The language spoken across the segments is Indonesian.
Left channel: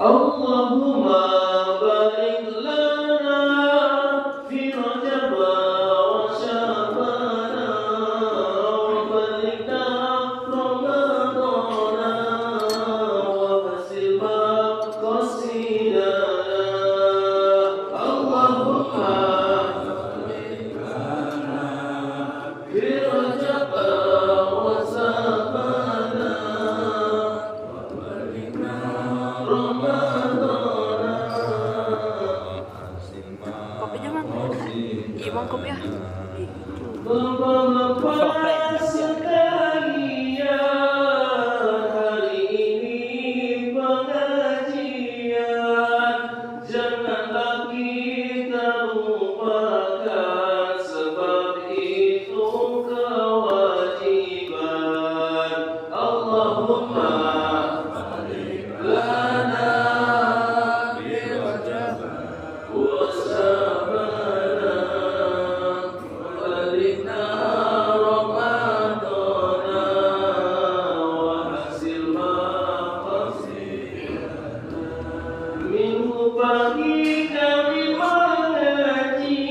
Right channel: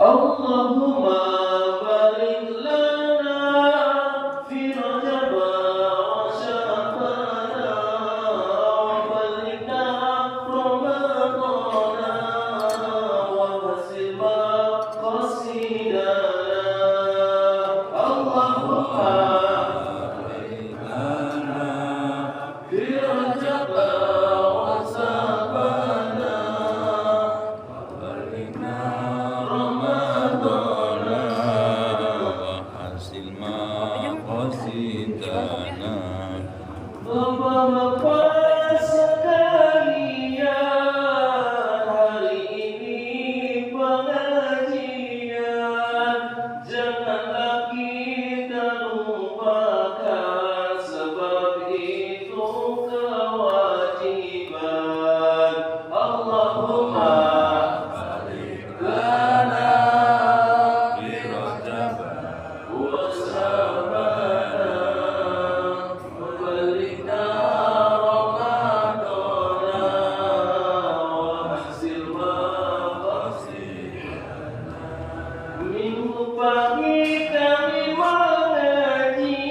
Allahumma barik lana fi Rajab wa Sya'ban wa balighna Ramadana wa basil maqasidana. Allahumma barik lana fi Rajab wa Sya'ban wa balighna Kopi aja Bang. Iya Bang, kopi ya. Bapak-bapak sekalian, hari ini pengajian janganlah kita lupakan, sebab itu kewajiban. Allahumma barik lana fi Rajab wa Sya'ban wa balighna Ramadana wa hasil maqasidana. Minggu pagi kami mengaji,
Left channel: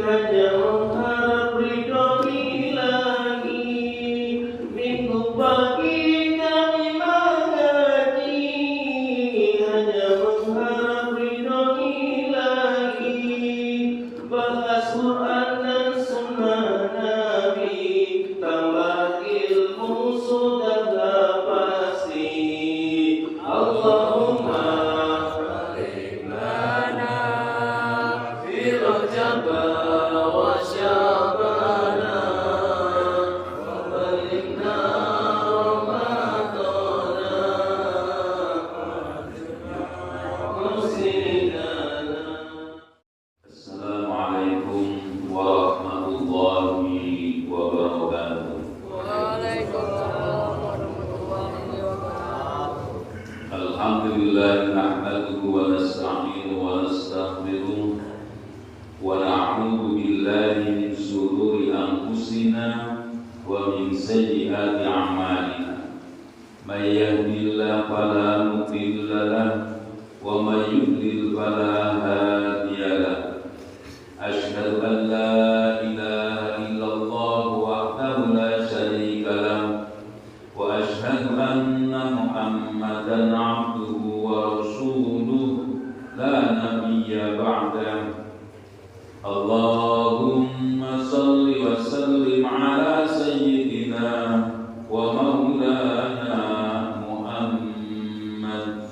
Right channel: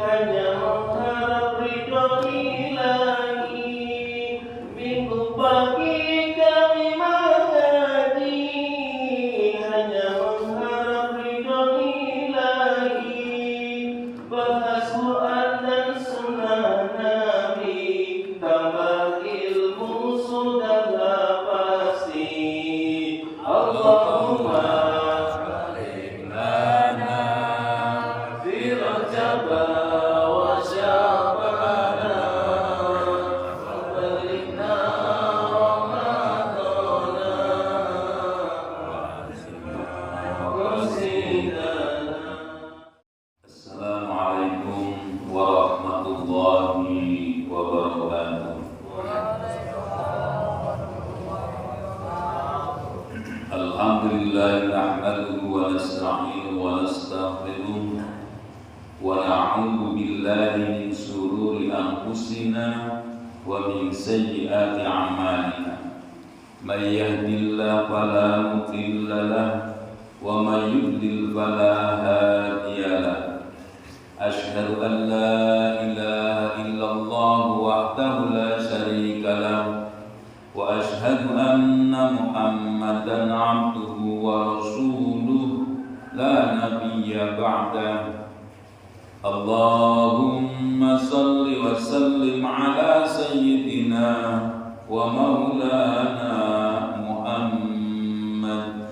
hanya mengharap ridho Ilahi. Minggu pagi kami mengaji, hanya mengharap ridho Ilahi. Bahas Quran dan sunnah Nabi, tambah ilmu sudahlah pasti. Allahumma barik lana fi Rajab wa Sya'ban wa balighna Ramadana qasidana. Assalamualaikum warahmatullahi wabarakatuh. Alhamdulillah nahmaduhu wa nasta'inuhu wa nastaghfiruh wa na'udzu billahi min shururi anfusina wa min sayyiati a'malina. May yahdihillahu fala mudilla lahu wa may yudlil fala hadiya lahu. Asyhadu an la ilaha illallah wahdahu la syarika lahu wa asyhadu anna Muhammadan abduhu wa rasuluh la nabiyya ba'dahu. Allahumma salli wa sallim ala sayyidina wa maulana Muhammad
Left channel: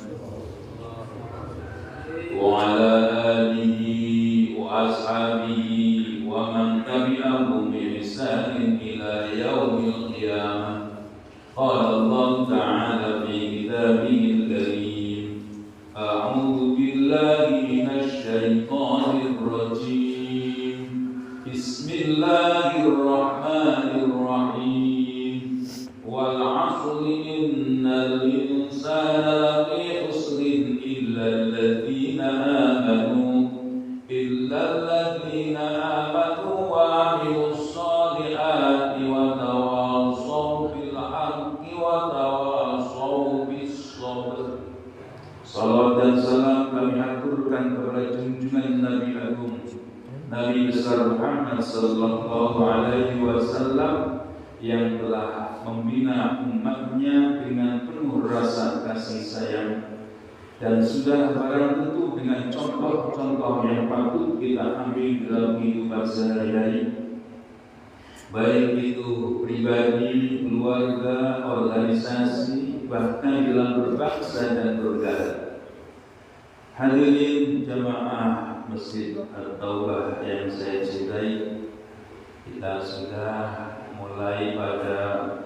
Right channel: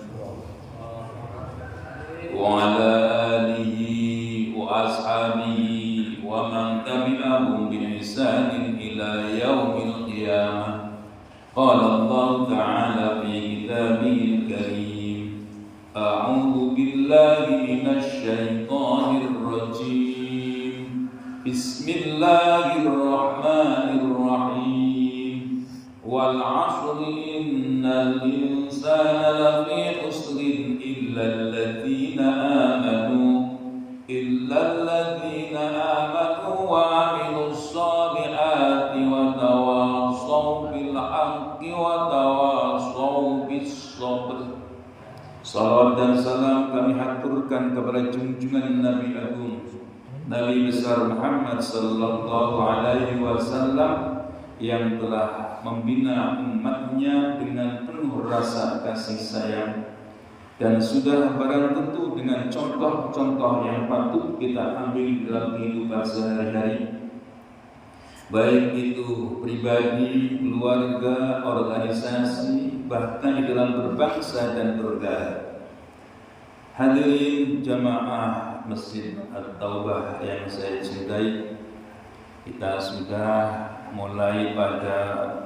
wa ala alihi wa ashabihi wa man tabi'ahum bi ihsanin ila yaumil qiyamah. Qala Allah ta'ala fi kitabihil karim, a'udzu billahi minasy syaithanir rajim. Bismillahirrahmanirrahim. Wal 'asri innal insana lafi khusrin illa alladziina amanu wa 'amilus shalihati wa tawassaw bil haqqi wa tawassaw bis sabr. Salawat dan salam kami haturkan kepada junjungan Nabi Agung, Nabi besar Muhammad sallallahu alaihi wasallam yang telah membina umatnya dengan penuh rasa kasih sayang, dan sudah barang tentu dengan contoh-contoh yang patut kita ambil dalam kehidupan sehari-hari, baik itu pribadi, keluarga, organisasi, bahkan di dalam berbangsa dan bernegara. Hadirin jamaah Masjid At-Taubah yang saya cintai, kita sudah mulai pada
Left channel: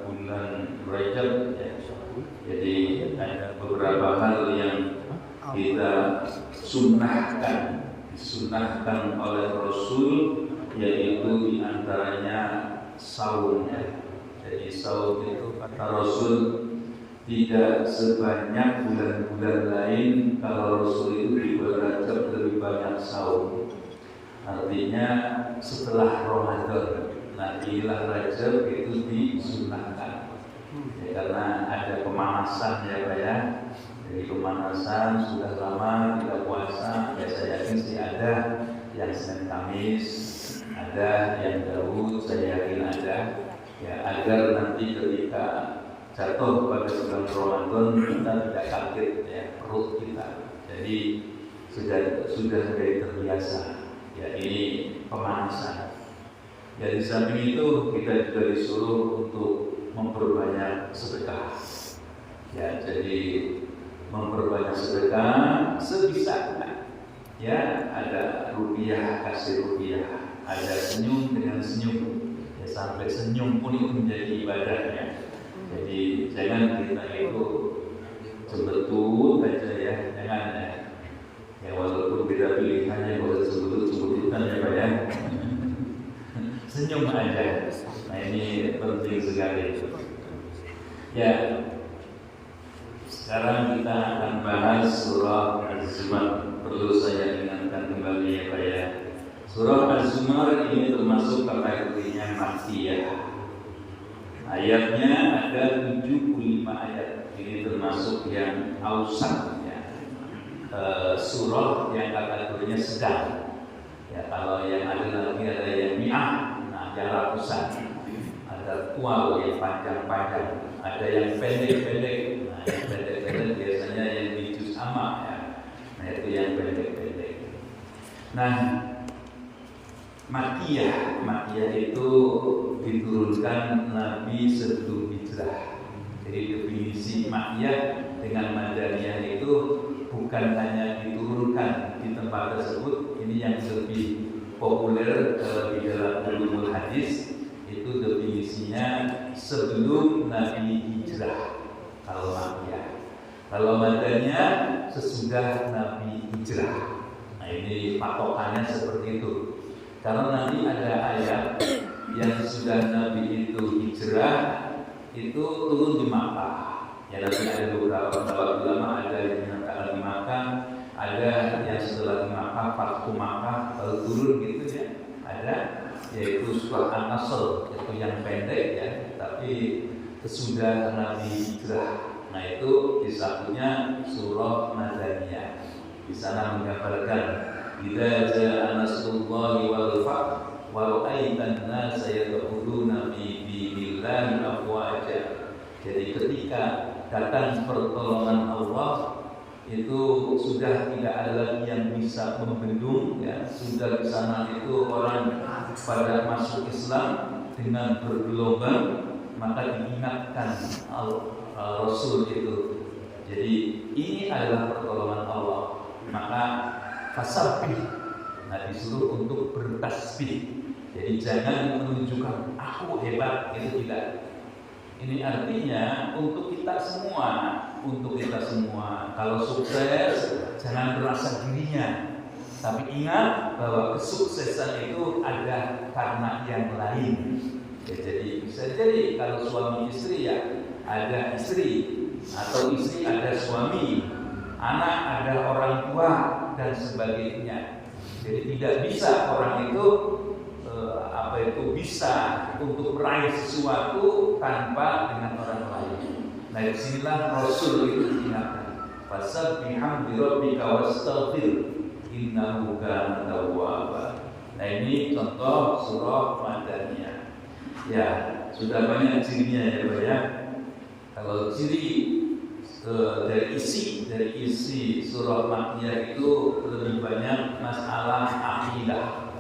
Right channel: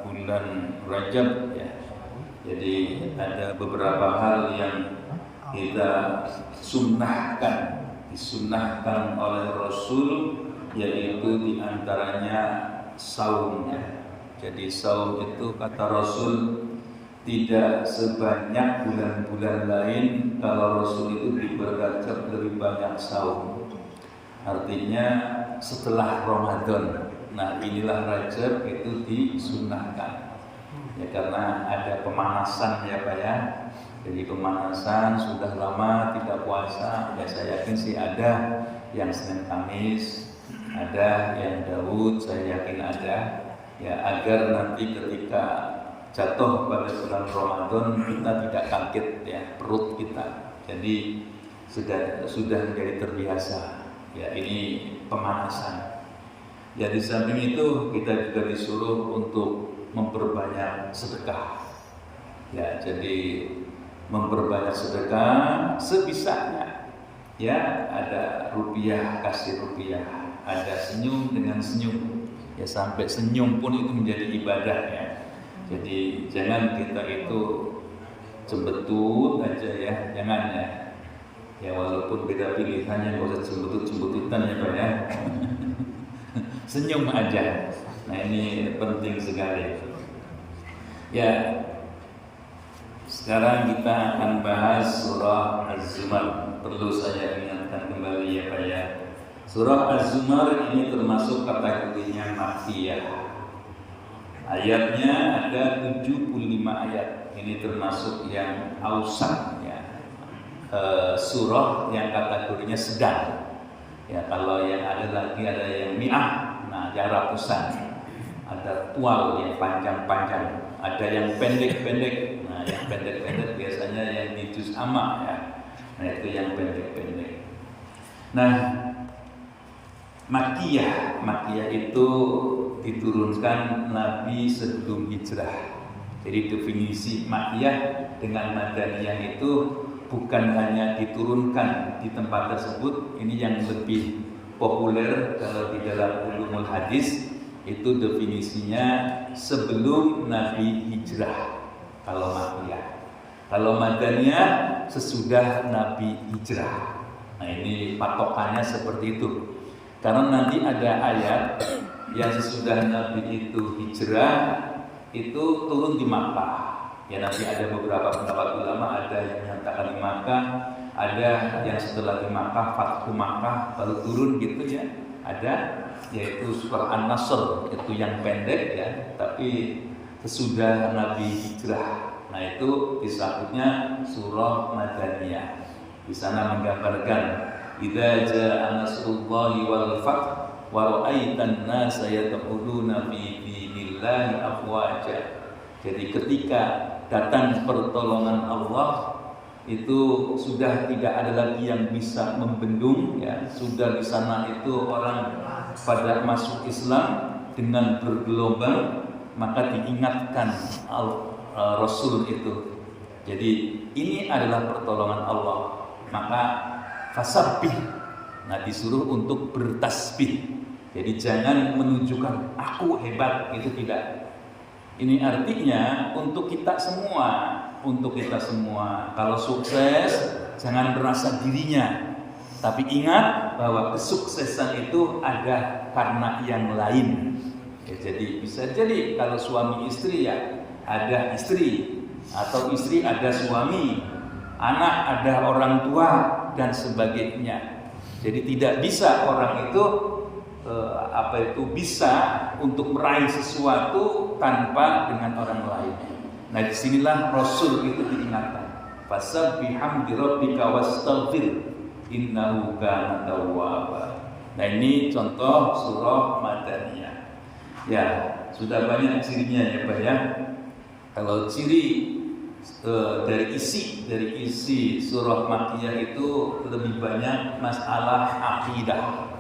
bulan Rajab ya. Jadi ada beberapa hal yang kita disunahkan oleh Rasul, yaitu diantaranya saum. Jadi saum itu kata Rasul tidak sebanyak bulan-bulan lain. Kalau Rasul itu di bulan Rajab lebih banyak saum. Artinya setelah Ramadan. Nah inilah Rajab itu disunahkan ya, karena ada pemanasan ya Pak ya. Jadi pemanasan sudah lama tidak puasa, ya saya yakin sih ada yang Senin Kamis, ada yang Daud, saya yakin ada, ya agar nanti ketika jatuh pada bulan Ramadan kita tidak kaget ya perut kita. Jadi sudah menjadi terbiasa. Ya ini pemanasan. Ya di samping itu kita juga disuruh untuk memperbanyak sedekah. Ya jadi memperbanyak sedekah sebisanya. Ya ada rupiah kasih rupiah, ada senyum dengan senyum. Ya sampai senyum pun itu menjadi ibadah ya. Jadi jangan kita itu cembetut aja ya, jangan ya. Ya walaupun beda pilihannya boleh cembetut-cembetutan ya Pak ya. Senyum aja. Nah ini penting sekali. Ya. Sekarang kita akan bahas surah Az-Zumar. Perlu saya ingatkan kembali ya Pak ya. Surah Az-Zumar ini termasuk kategorinya Makkiyah. Ayatnya ada 75 ayat. Ini termasuk yang awsat ya. Surah yang kategorinya sedang. Ya kalau yang ada lagi ada yang mi'ah, nah yang ratusan. Ada kual yang panjang-panjang, ada yang pendek-pendek. Nah yang pendek-pendek biasanya yang di juz amma ya. Nah itu yang pendek-pendek. Nah Makkiyah itu diturunkan Nabi sebelum hijrah. Jadi definisi Makkiyah dengan Madaniyah itu bukan hanya diturunkan di tempat tersebut. Ini yang lebih populer di dalam ulumul hadis, itu definisinya sebelum Nabi hijrah kalau Makkiyah. Kalau Madaniyah sesudah Nabi hijrah. Nah ini patokannya seperti itu. Karena nanti ada ayat yang sesudah Nabi itu hijrah itu turun di Makkah. Ya nanti ada beberapa pendapat ulama, ada yang menyatakan di Makkah, ada yang setelah di Makkah, Fathu Makkah baru turun gitu ya. Ada yaitu surah An-Nasr itu yang pendek ya, tapi sesudah Nabi hijrah. Nah itu disebutnya surah Madaniyah. Di sana menggambarkan idza jaa nasrullahi wal fath wa ra'aitan nasa yadkhuluna fi dinillahi afwaja. Jadi ketika datang pertolongan Allah itu sudah tidak ada lagi yang bisa membendung ya, sudah di sana itu orang pada masuk Islam dengan bergelombang, maka diingatkan Rasul itu. Jadi ini adalah pertolongan Allah, maka fasabbih. Nah disuruh untuk bertasbih. Jadi jangan menunjukkan aku hebat, itu tidak. Ini artinya untuk kita semua, kalau sukses jangan merasa dirinya, tapi ingat bahwa kesuksesan itu ada karena yang lain. Ya, jadi bisa jadi kalau suami istri ya ada istri, atau istri ada suami, anak ada orang tua dan sebagainya. Jadi tidak bisa orang itu bisa untuk meraih sesuatu tanpa dengan orang lain. Nah disinilah Rasul itu diingatkan. Fasabbih bihamdi rabbika wastaghfir innahu kana tawwaba. Nah ini contoh surah Madaniyah. Ya sudah banyak cirinya ya Pak ya. Kalau ciri dari isi surah Makkiyah itu lebih banyak masalah akidah,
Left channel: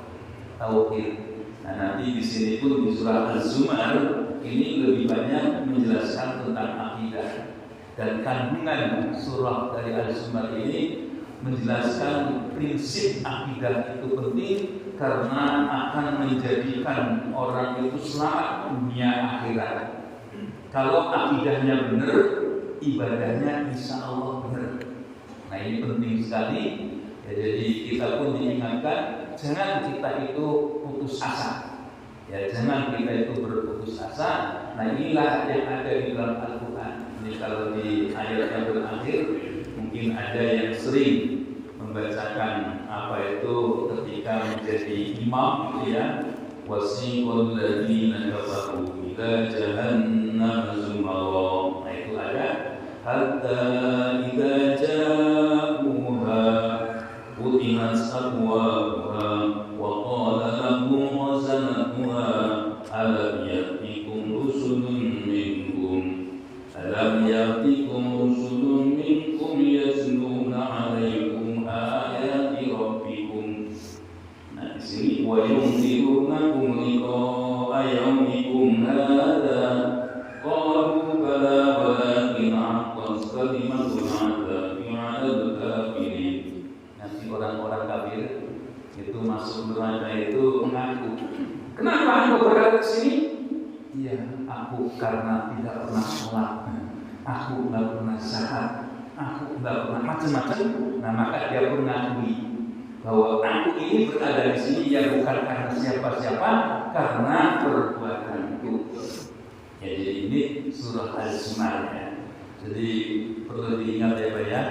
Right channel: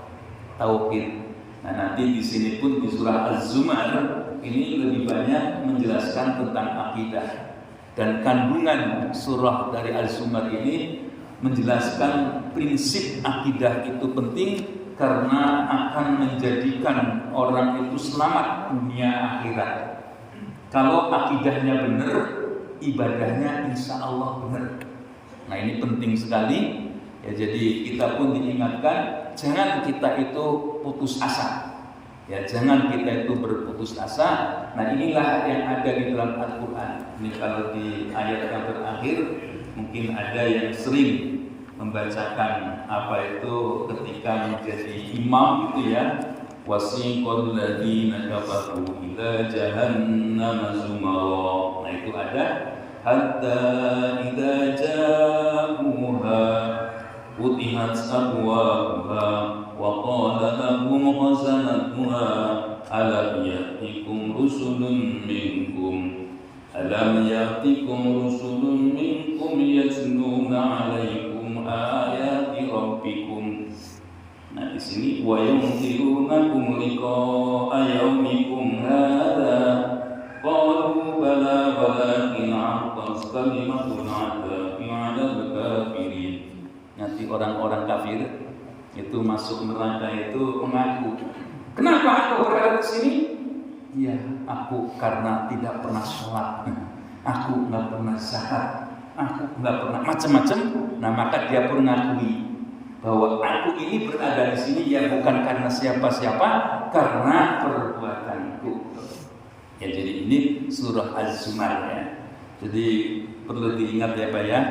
tauhid. Nah nanti di sini pun di surah Az-Zumar ini lebih banyak menjelaskan tentang akidah, dan kandungan surah dari Az-Zumar ini menjelaskan prinsip akidah itu penting karena akan menjadikan orang itu selamat dunia akhirat. Kalau akidahnya benar, ibadahnya insya Allah benar. Nah ini penting sekali ya, jadi kita pun diingatkan jangan kita itu putus asa ya, jangan kita itu berputus asa. Nah inilah yang ada di dalam Al-Quran. Ini kalau di ayat yang terakhir mungkin ada yang sering membacakan apa itu ketika menjadi imam gitu ya, wasiqal ladzina kafaru ila jahannam zumara. Nah itu ada hatta idza ja'uha futihat abwabuha wa qala lahum khazanatuha alam ya'tikum rusulun minkum yatluna 'alaikum ayati rabbikum. Nah di sini wa yunzirunakum liqa'a yaumikum hadza qalu bala walakin haqqat kalimatul 'adzabi 'alal kafirin. Nanti orang-orang kafir itu masuk neraka itu mengaku, kenapa engkau berada di sini? Iya, aku karena tidak pernah sholat, aku nggak pernah zakat, aku nggak pernah macam-macam. Nah maka dia pun mengakui bahwa aku ini berada di sini ya bukan karena siapa-siapa, karena perbuatanku. Ya jadi ini surah Az-Zumar ya. Jadi perlu diingat ya Pak ya,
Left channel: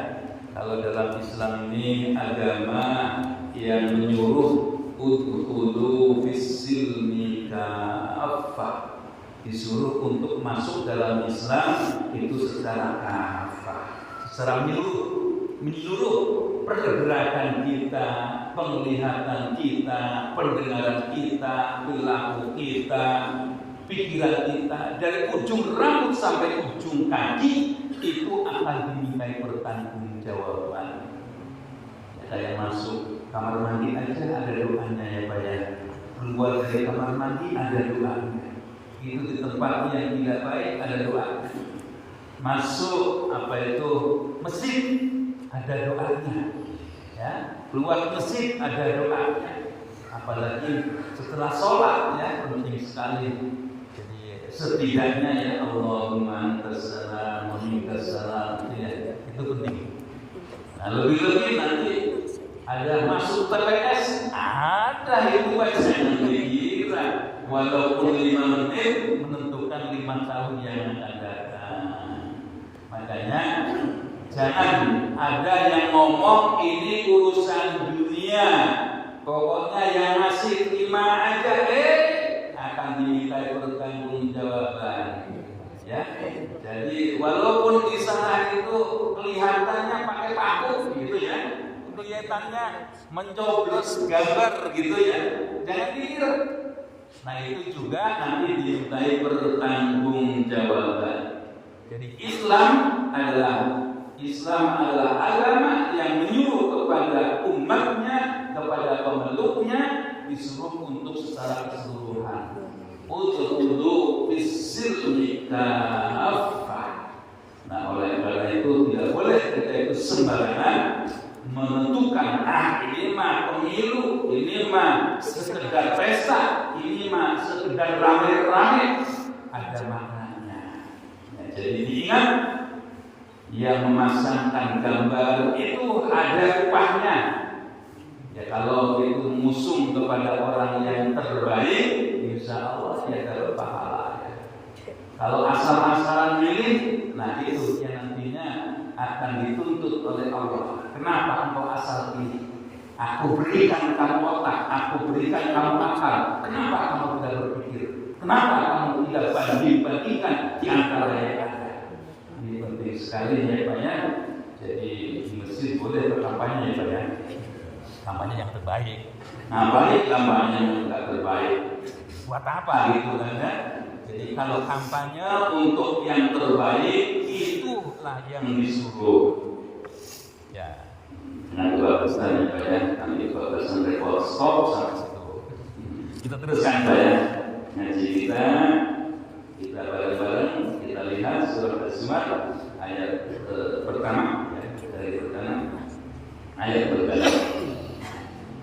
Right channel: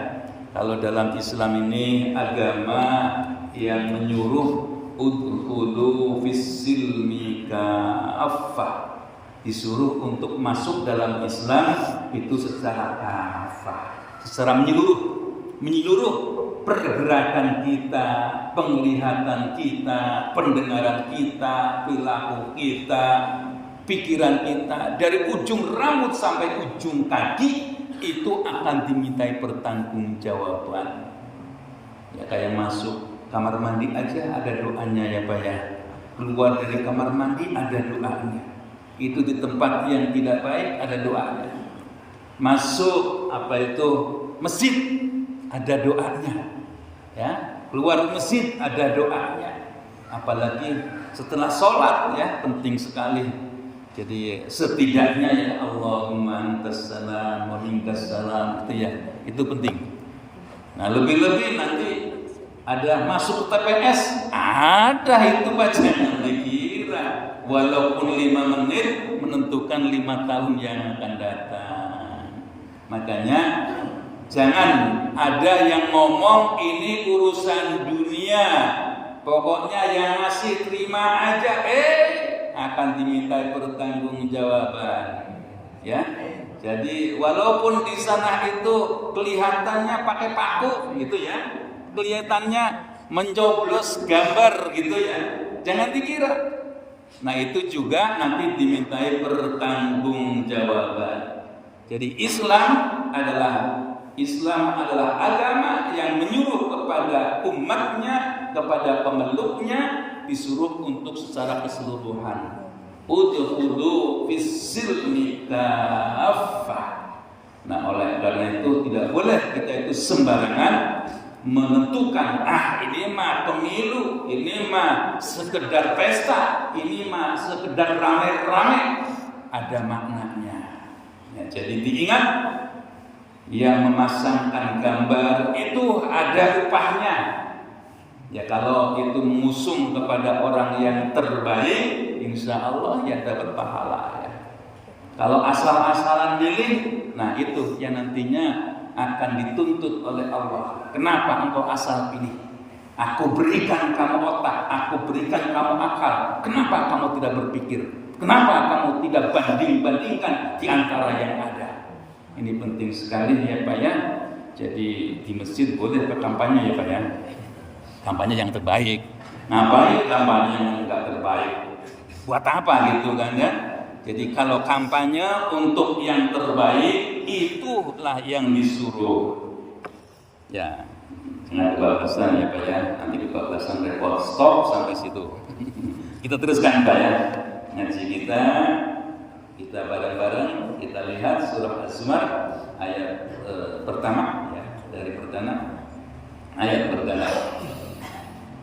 kalau dalam Islam ini agama yang menyuruh udkhulu fis-silmi kafah, disuruh untuk masuk dalam Islam itu secara kafah, secara menyeluruh pergerakan kita, penglihatan kita, pendengaran kita, perilaku kita, pikiran kita, dari ujung rambut sampai ujung kaki itu akan dimintai pertanggungjawaban. Ya kayak masuk kamar mandi aja ada doanya ya Pak ya. Keluar dari kamar mandi ada doanya. Itu di tempat yang tidak baik ada doanya. Masuk masjid ada doanya. Ya, keluar masjid ada doanya. Apalagi setelah sholat ya penting sekali. Jadi setidaknya ya Allahumma antas salam wa minkas salam itu penting. Nah lebih-lebih nanti ada masuk TPS, ada itu bacaan dikira walaupun 5 menit menentukan 5 tahun yang akan datang. Makanya jangan ada yang ngomong ini urusan dunia, pokoknya yang ngasih terima aja, akan dimintai pertanggungjawaban. Ya, jadi walaupun di sana itu kelihatannya pakai paku gitu ya, kelihatannya mencoblos gambar gitu ya, jangan dikira. Nah itu juga nanti dimintai pertanggungjawaban. Jadi Islam adalah agama yang menyuruh kepada umatnya, kepada pemeluknya, disuruh untuk secara keseluruhan. Udkhulu fis-silmi kafah. Nah oleh karena itu tidak boleh kita itu sembarangan menentukan, ini mah pemilu, ini mah sekedar pesta, ini mah sekedar rame-rame. Ada maknanya. Ya, jadi diingat, yang memasangkan gambar itu ada upahnya. Ya kalau itu mengusung kepada orang yang terbaik, insya Allah ya dapat pahala. Ya. Kalau asal-asalan milih, nah itu yang nantinya akan dituntut oleh Allah. Kenapa engkau asal pilih? Aku berikan kamu otak, aku berikan kamu akal. Kenapa kamu tidak berpikir? Kenapa kamu tidak banding-bandingkan di antara yang ada? Ini penting sekali ya Pak ya. Jadi di masjid boleh berkampanye ya Pak ya. Kampanye yang terbaik. Nah, baik kampanye yang enggak terbaik. Buat apa gitu kan ya? Jadi kalau kampanye untuk yang terbaik itulah yang disuruh. Ya. Nah, batasan ya Pak ya. Nanti batasan report stop sampai situ. Kita teruskan Pak ya. Ngaji kita bareng-bareng kita lihat surah Az-Zumar ayat pertama ya, dari pertama ayat pertama.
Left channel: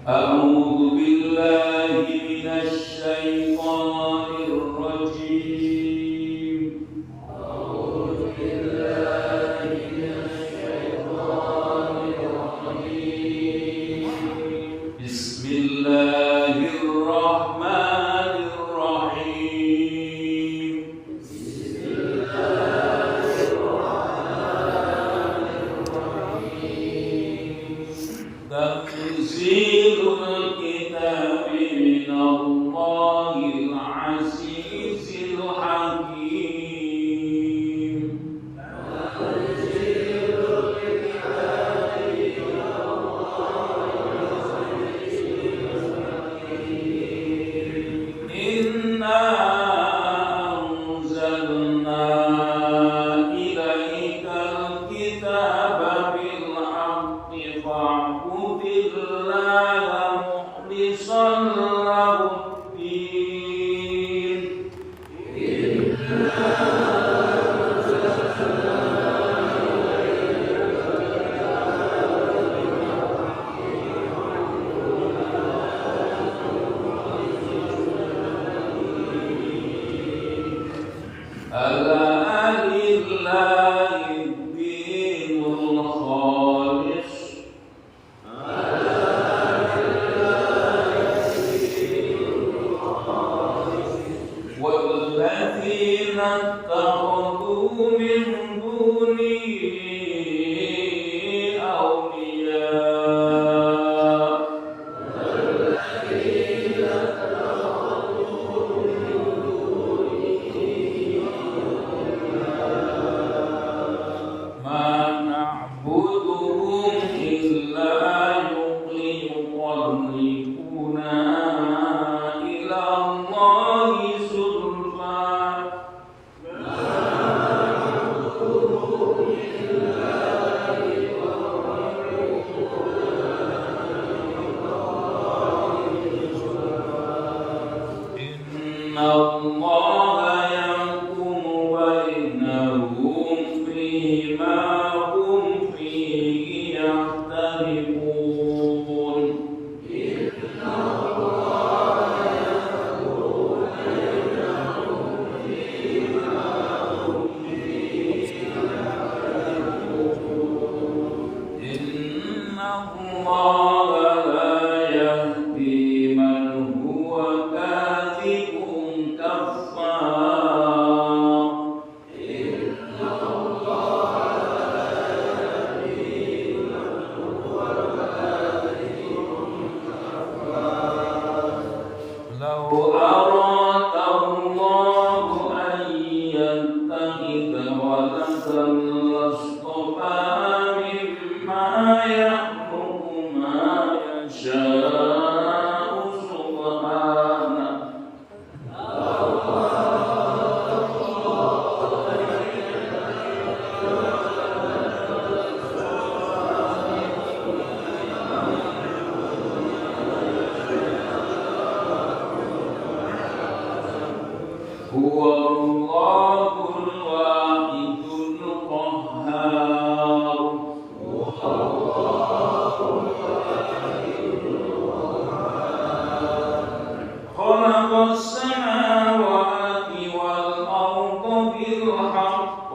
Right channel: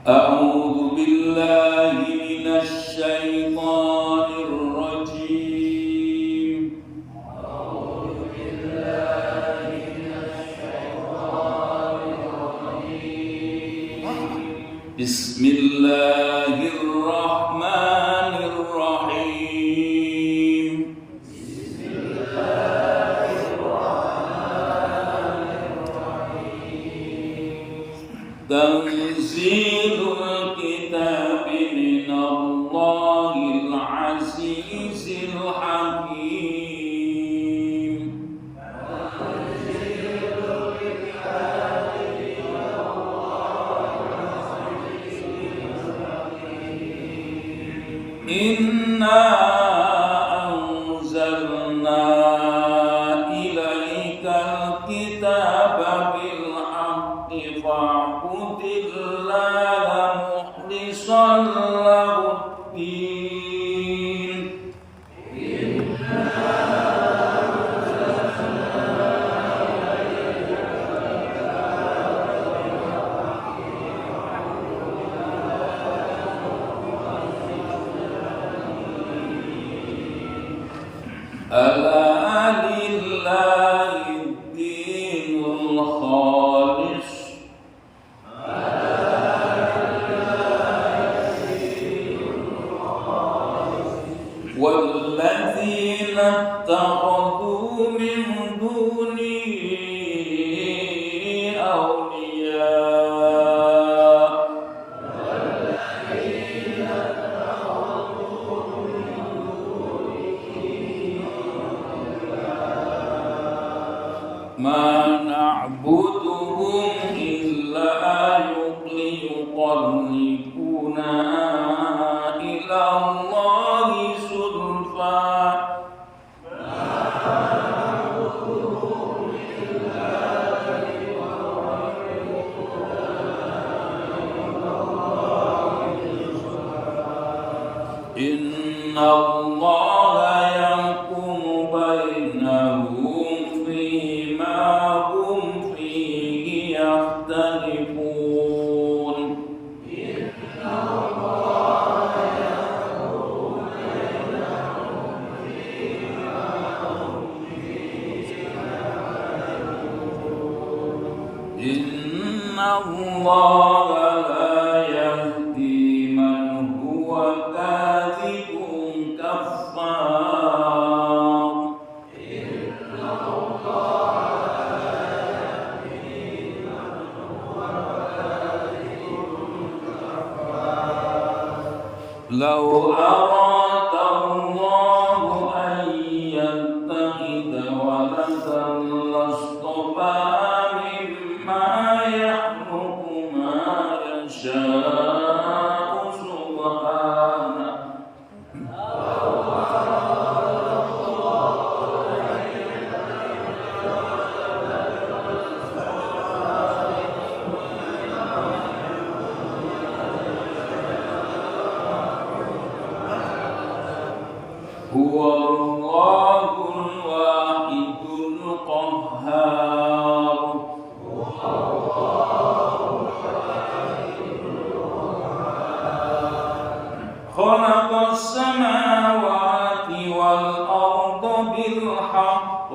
A'udzu billahi minasy syaithanir rajim. A'udzu billahi minasy syaithanir rajim. Bismillahirrahmanirrahim. Bismillahirrahmanirrahim. Tanzilul kitabi minallahil azizil hakim. butuhum illa yuqallikuna ila Allahi sulfa. Inna Allah yahkumu bainahum fima hum fihi yakhtalifun. Inna Allah yahkumu bainahum fima hum fihi yakhtalifun. Inna Allah la yahdi man huwa kadhibun kaffar. Inna Allah la yahdi man huwa kadhibun kaffar. Law arada Allahu an yattakhidha waladan lastafa mimma yakhluqu ma yasha'u subhanahu. Huwa Allahul wahidul qahhar. Khalaqas samawati wal arda bil haqq.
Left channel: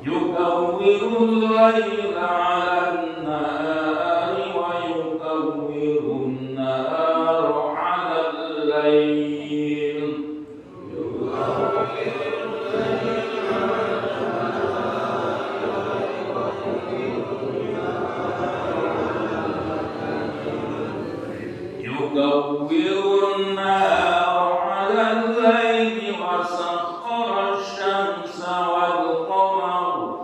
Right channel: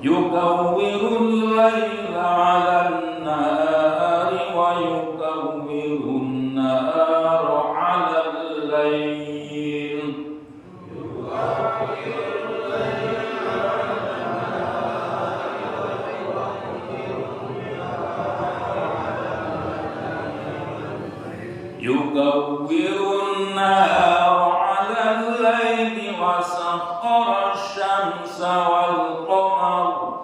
Yukawwirul layla 'alan nahari wa yukawwirun nahara 'alal layl. Yukawwirun nahara 'alal layli wa sakhkhara asy-syamsa wal qamara.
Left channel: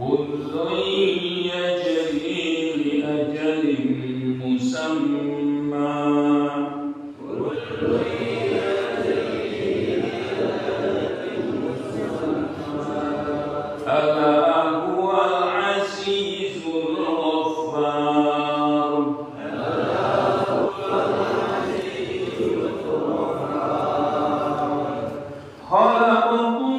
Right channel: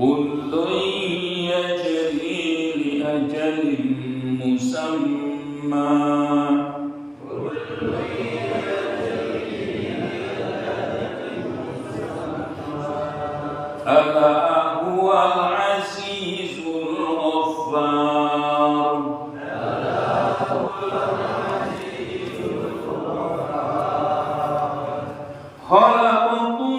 Kullun yajri li ajalin musamma. Ala huwal azizul ghaffar. Khalaqakum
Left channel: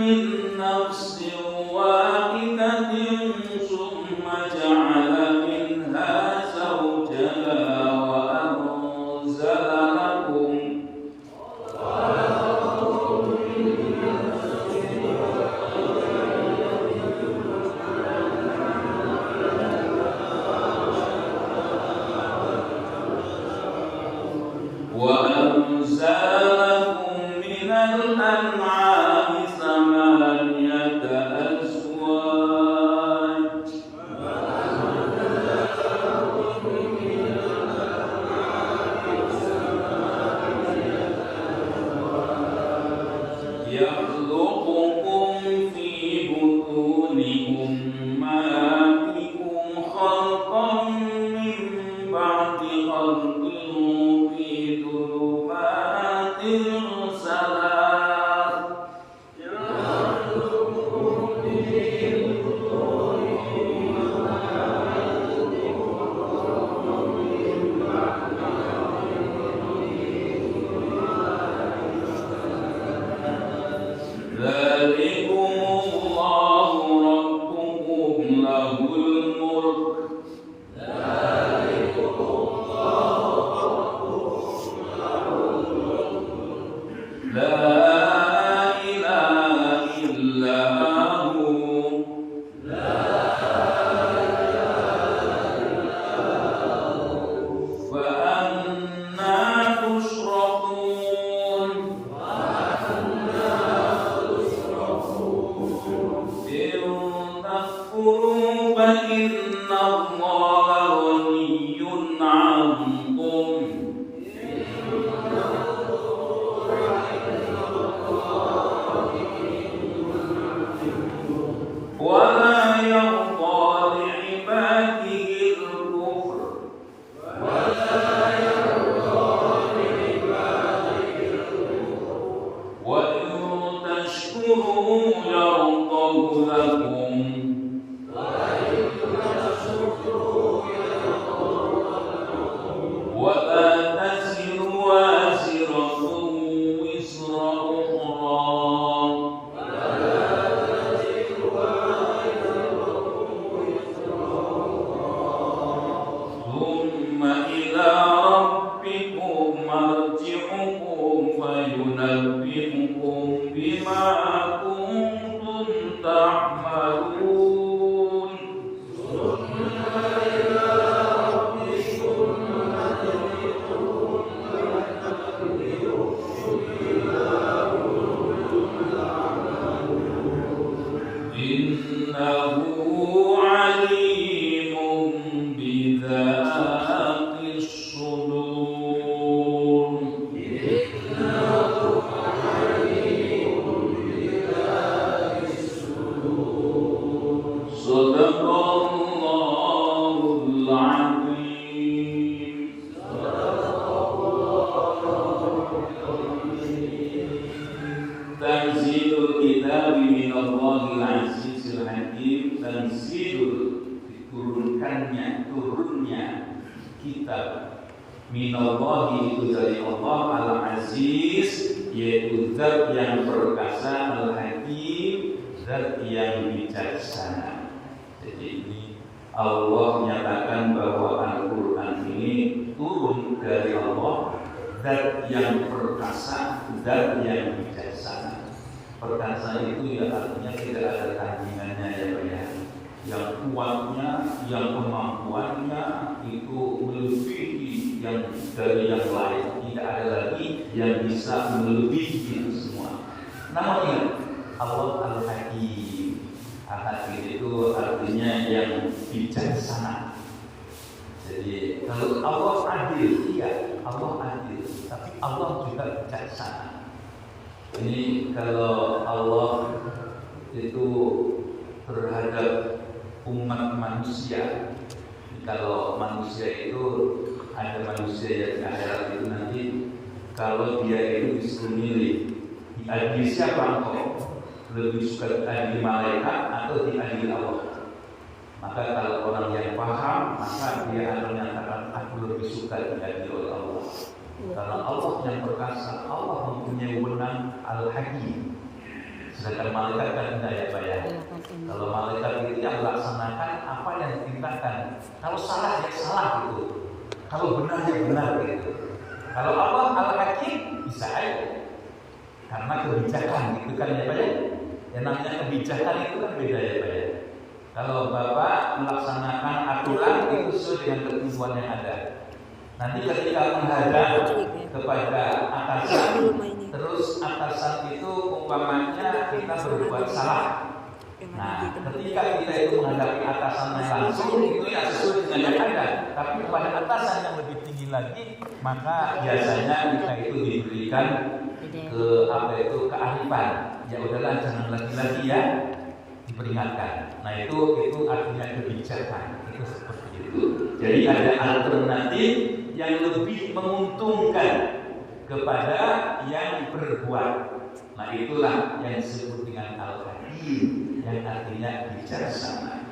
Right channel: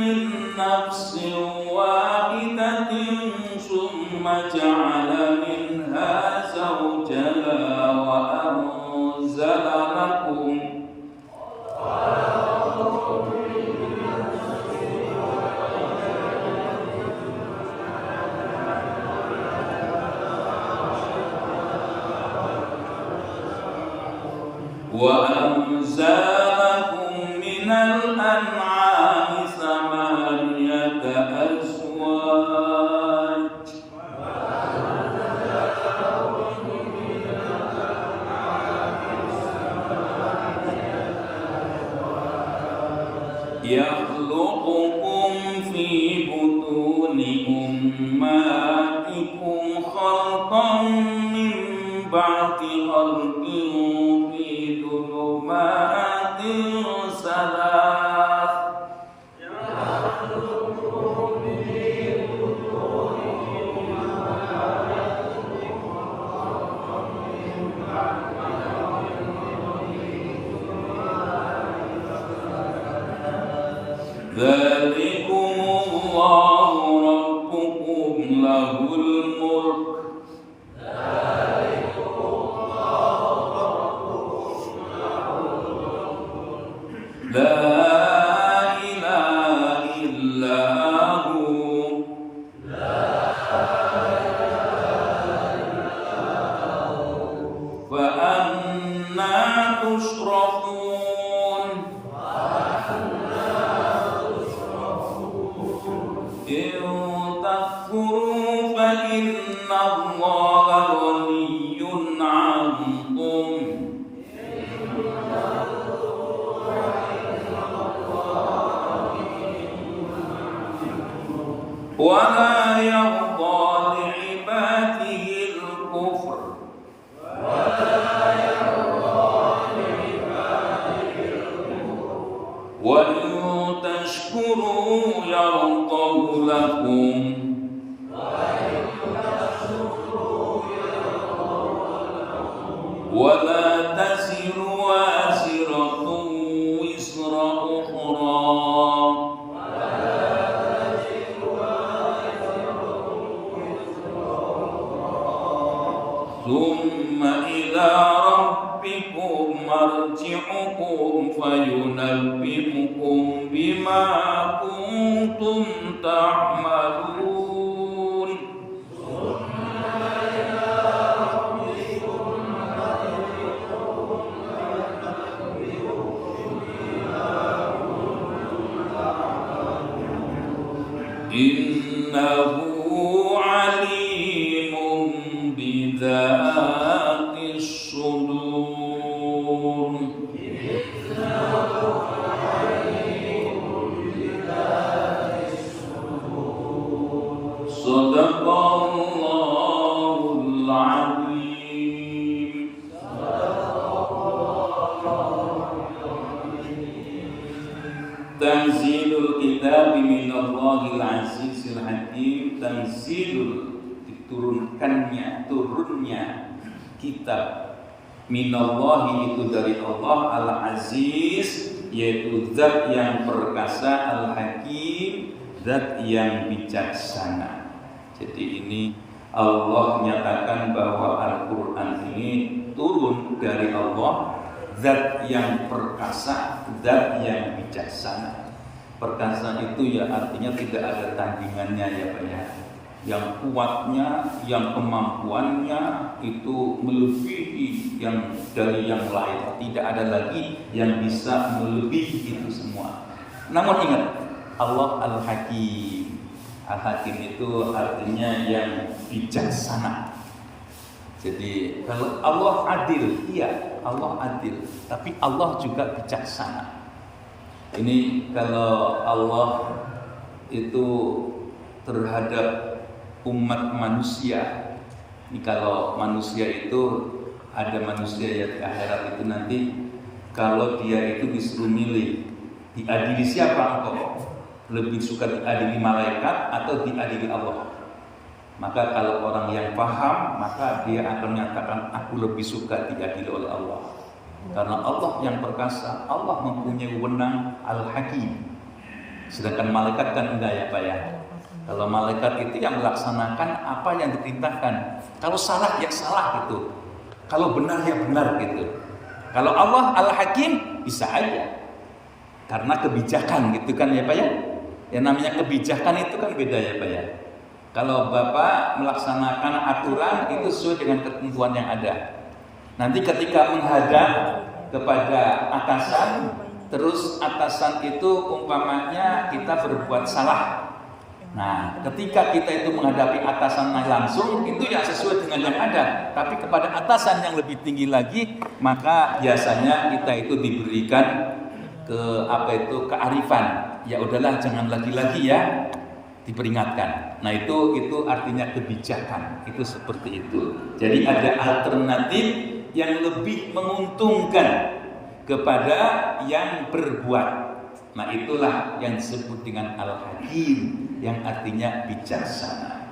min nafsin wahidatin thumma ja'ala minha zawjaha wa anzala lakum minal an'ami thamaniyata azwaj. Yakhluqukum fi butuni ummahatikum khalqan min ba'di khalqin fi dhulumatin salat. Dzalikumullahu rabbukum lahul mulk. Dzalikumullahu ولا يرضى لعباده الكفر وإن تشكروا يرضه لكم ولا تزر وازرة وزر أخرى ثم إلى ربكم مرجعكم فينبئكم بما كنتم تعملون إنه عليم بذات الصدور صدق الله العظيم Tanzilul kitab minallahil azizil hakim. Tanzilul turunnya kitab minallahi itu dari Allah al-aziz, yaitu zat yang perkasa, al-hakim zat yang bijaksana. Jadi ini Allah nyatakan bahwa Al-Quran ini turun dari Allah, zat yang perkasa, zat yang bijaksana. Perkasa itu ya artinya tidak ada tandingannya ya Pak ya. Yang kuatnya, yang kemampuannya itu melebihi yang dari yang lain. Tidak ada lagi yang bisa melebihi itu semua. Namun ingat, Allah Al-Hakim. Al-Hakim itu artinya yang bijaksana. Jadi kalau Allah adil, iya Allah adil, tapi Allah juga bijaksana. Ini kalau Allah itu terhadap umat manusia, ini kalau manusia itu ada manusia yang di akhirat itu nanti kalau dia itu disuruh milih, diadili siapa engkau? Lebih suka diadili malaikat atau diadili Allah? Maka kalau orang yang paham, maka dia akan menyatakan aku lebih suka diadili oleh Allah. Karena Allah yang perkasa, Allah mempunyai wewenang al-hakim. Sedangkan malaikat kan enggak ya Pak ya. Kalau malaikat itu yang melaksanakan apa yang diperintahkan. Kalau salah ya salah gitu. Kalau benar ya benar gitu. Kalau Allah al-hakim bisa aja. Karena kebijakan gitu kan ya Pak ya. Yang namanya kebijakan itu kan beda ya Pak ya. Kalau Bapak melaksanakan aturan itu sesuai dengan ketentuan yang ada. Nanti ketika menghadap kepada atasan, terus atasan itu umpamanya kita berbuat salah. Nah, ketika kita itu menghadapi atasan langsung, itu ya sesuai dengan yang ada. Tapi kepada atasan yang lebih tinggi lagi, maka biasanya kita itu diberikan kearifan. Ya udahlah, jangan lagi-lagi ya, diperingatkan. Nah itu artinya kebijakan. Itu seperti itu. Jadi ada alternatif yang lebih menguntungkan kepada yang berbuat. Nah itulah yang disebut dengan al-hakim, yang artinya bijaksana.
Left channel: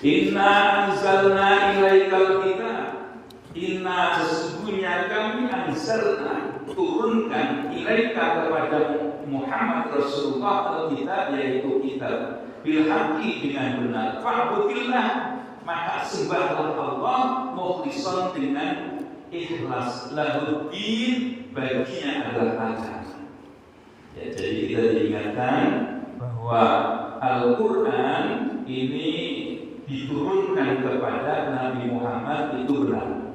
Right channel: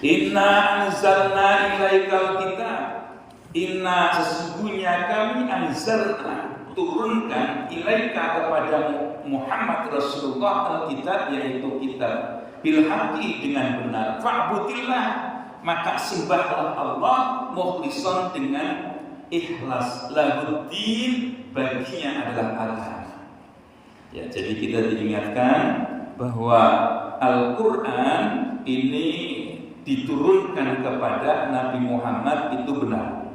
Inna anzalna ilaikal kitab. Inna sesungguhnya kami anzalna turunkan ilaika kepada Muhammad Rasulullah al-kitab, yaitu kitab bil haqqi dengan benar. Fa'budillah, maka sembahlah Allah mukhlishon dengan ikhlas, lahuddin baginya adalah Allah. Ya, jadi kita diingatkan bahwa Al-Quran ini diturunkan kepada Nabi Muhammad itu benar.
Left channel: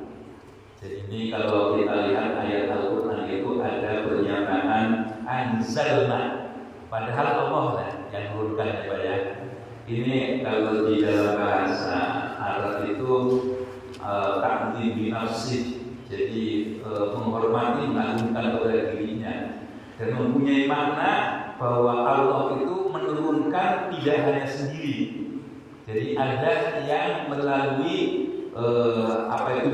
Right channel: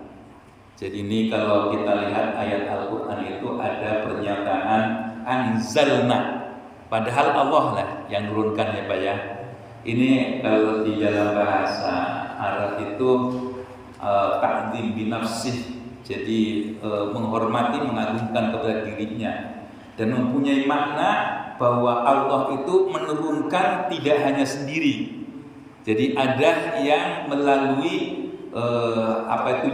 Jadi ini kalau kita lihat ayat Al-Quran itu ada pernyataan anzalna, padahal Allah lah yang menurunkan ya Pak ya. Ini kalau di dalam bahasa Arab itu ta'zim binafsih, jadi menghormati, mengagungkan kepada dirinya, dan mempunyai makna bahwa Allah itu menurunkan tidak hanya sendiri. Jadi ada yang melalui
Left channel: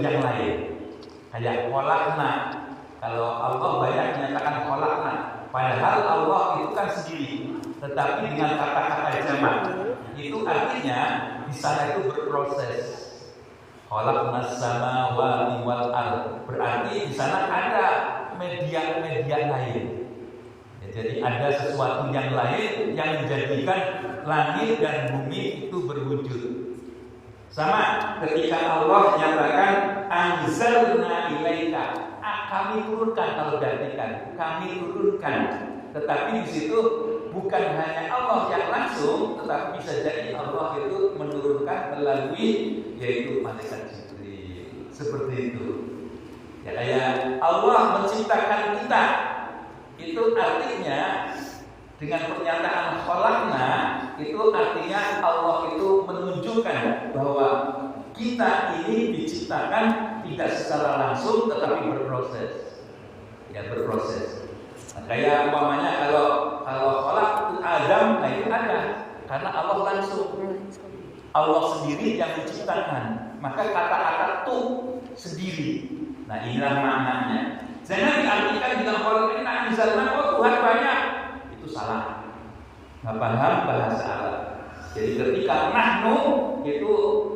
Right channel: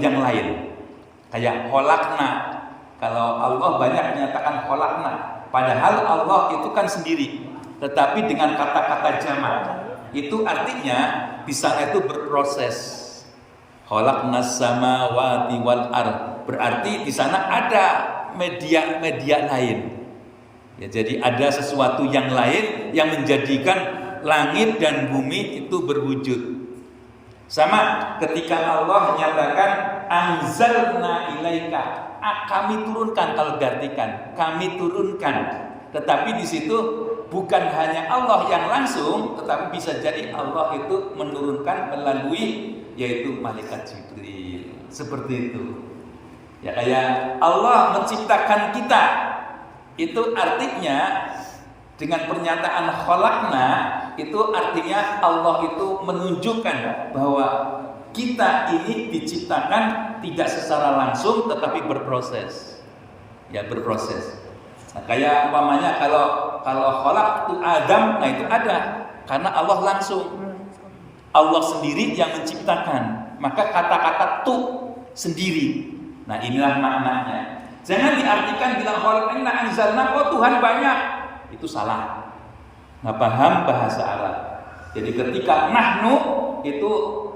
yang lain. Kayak kholaqna. Kalau Allah banyak menyatakan kholaqna, padahal Allah itu kan sendiri. Tetapi dengan kata-kata jamak, itu artinya di sana itu berproses. Khalaqnas samawati wal ard. Berarti di sana ada media lain. Ya, jadi ada sesuatu yang lain yang menjadikan langit dan bumi itu berwujud. Sama ketika Allah menyatakan anzalna ilaika, kami turunkan, kalau diartikan kami turunkan. Tetapi di situ bukan hanya Allah yang langsung, tetapi bisa jadi Allah itu menurunkan melalui yaitu malaikat Jibril. Seperti itu. Ya, kayak Allah menciptakan kita. Itu artinya dengan pernyataan khalaqna, itu artinya Allah itu menunjukkan bahwa kita ini diciptakan tidak secara langsung tetapi berproses. Ya, berproses. Nah, kayak umpamanya kalau khalaqtu Adam, nah itu ada karena Allah langsung. Allah sendiri yang menciptakan. Maka kata-kata tu sendiri. Nah, inilah maknanya. Jangan diartikan bilang khalaqna anzalna kok Tuhan banyak. Itu salah. Nggak paham bahasa Arab. Jadi ketika nahnu itu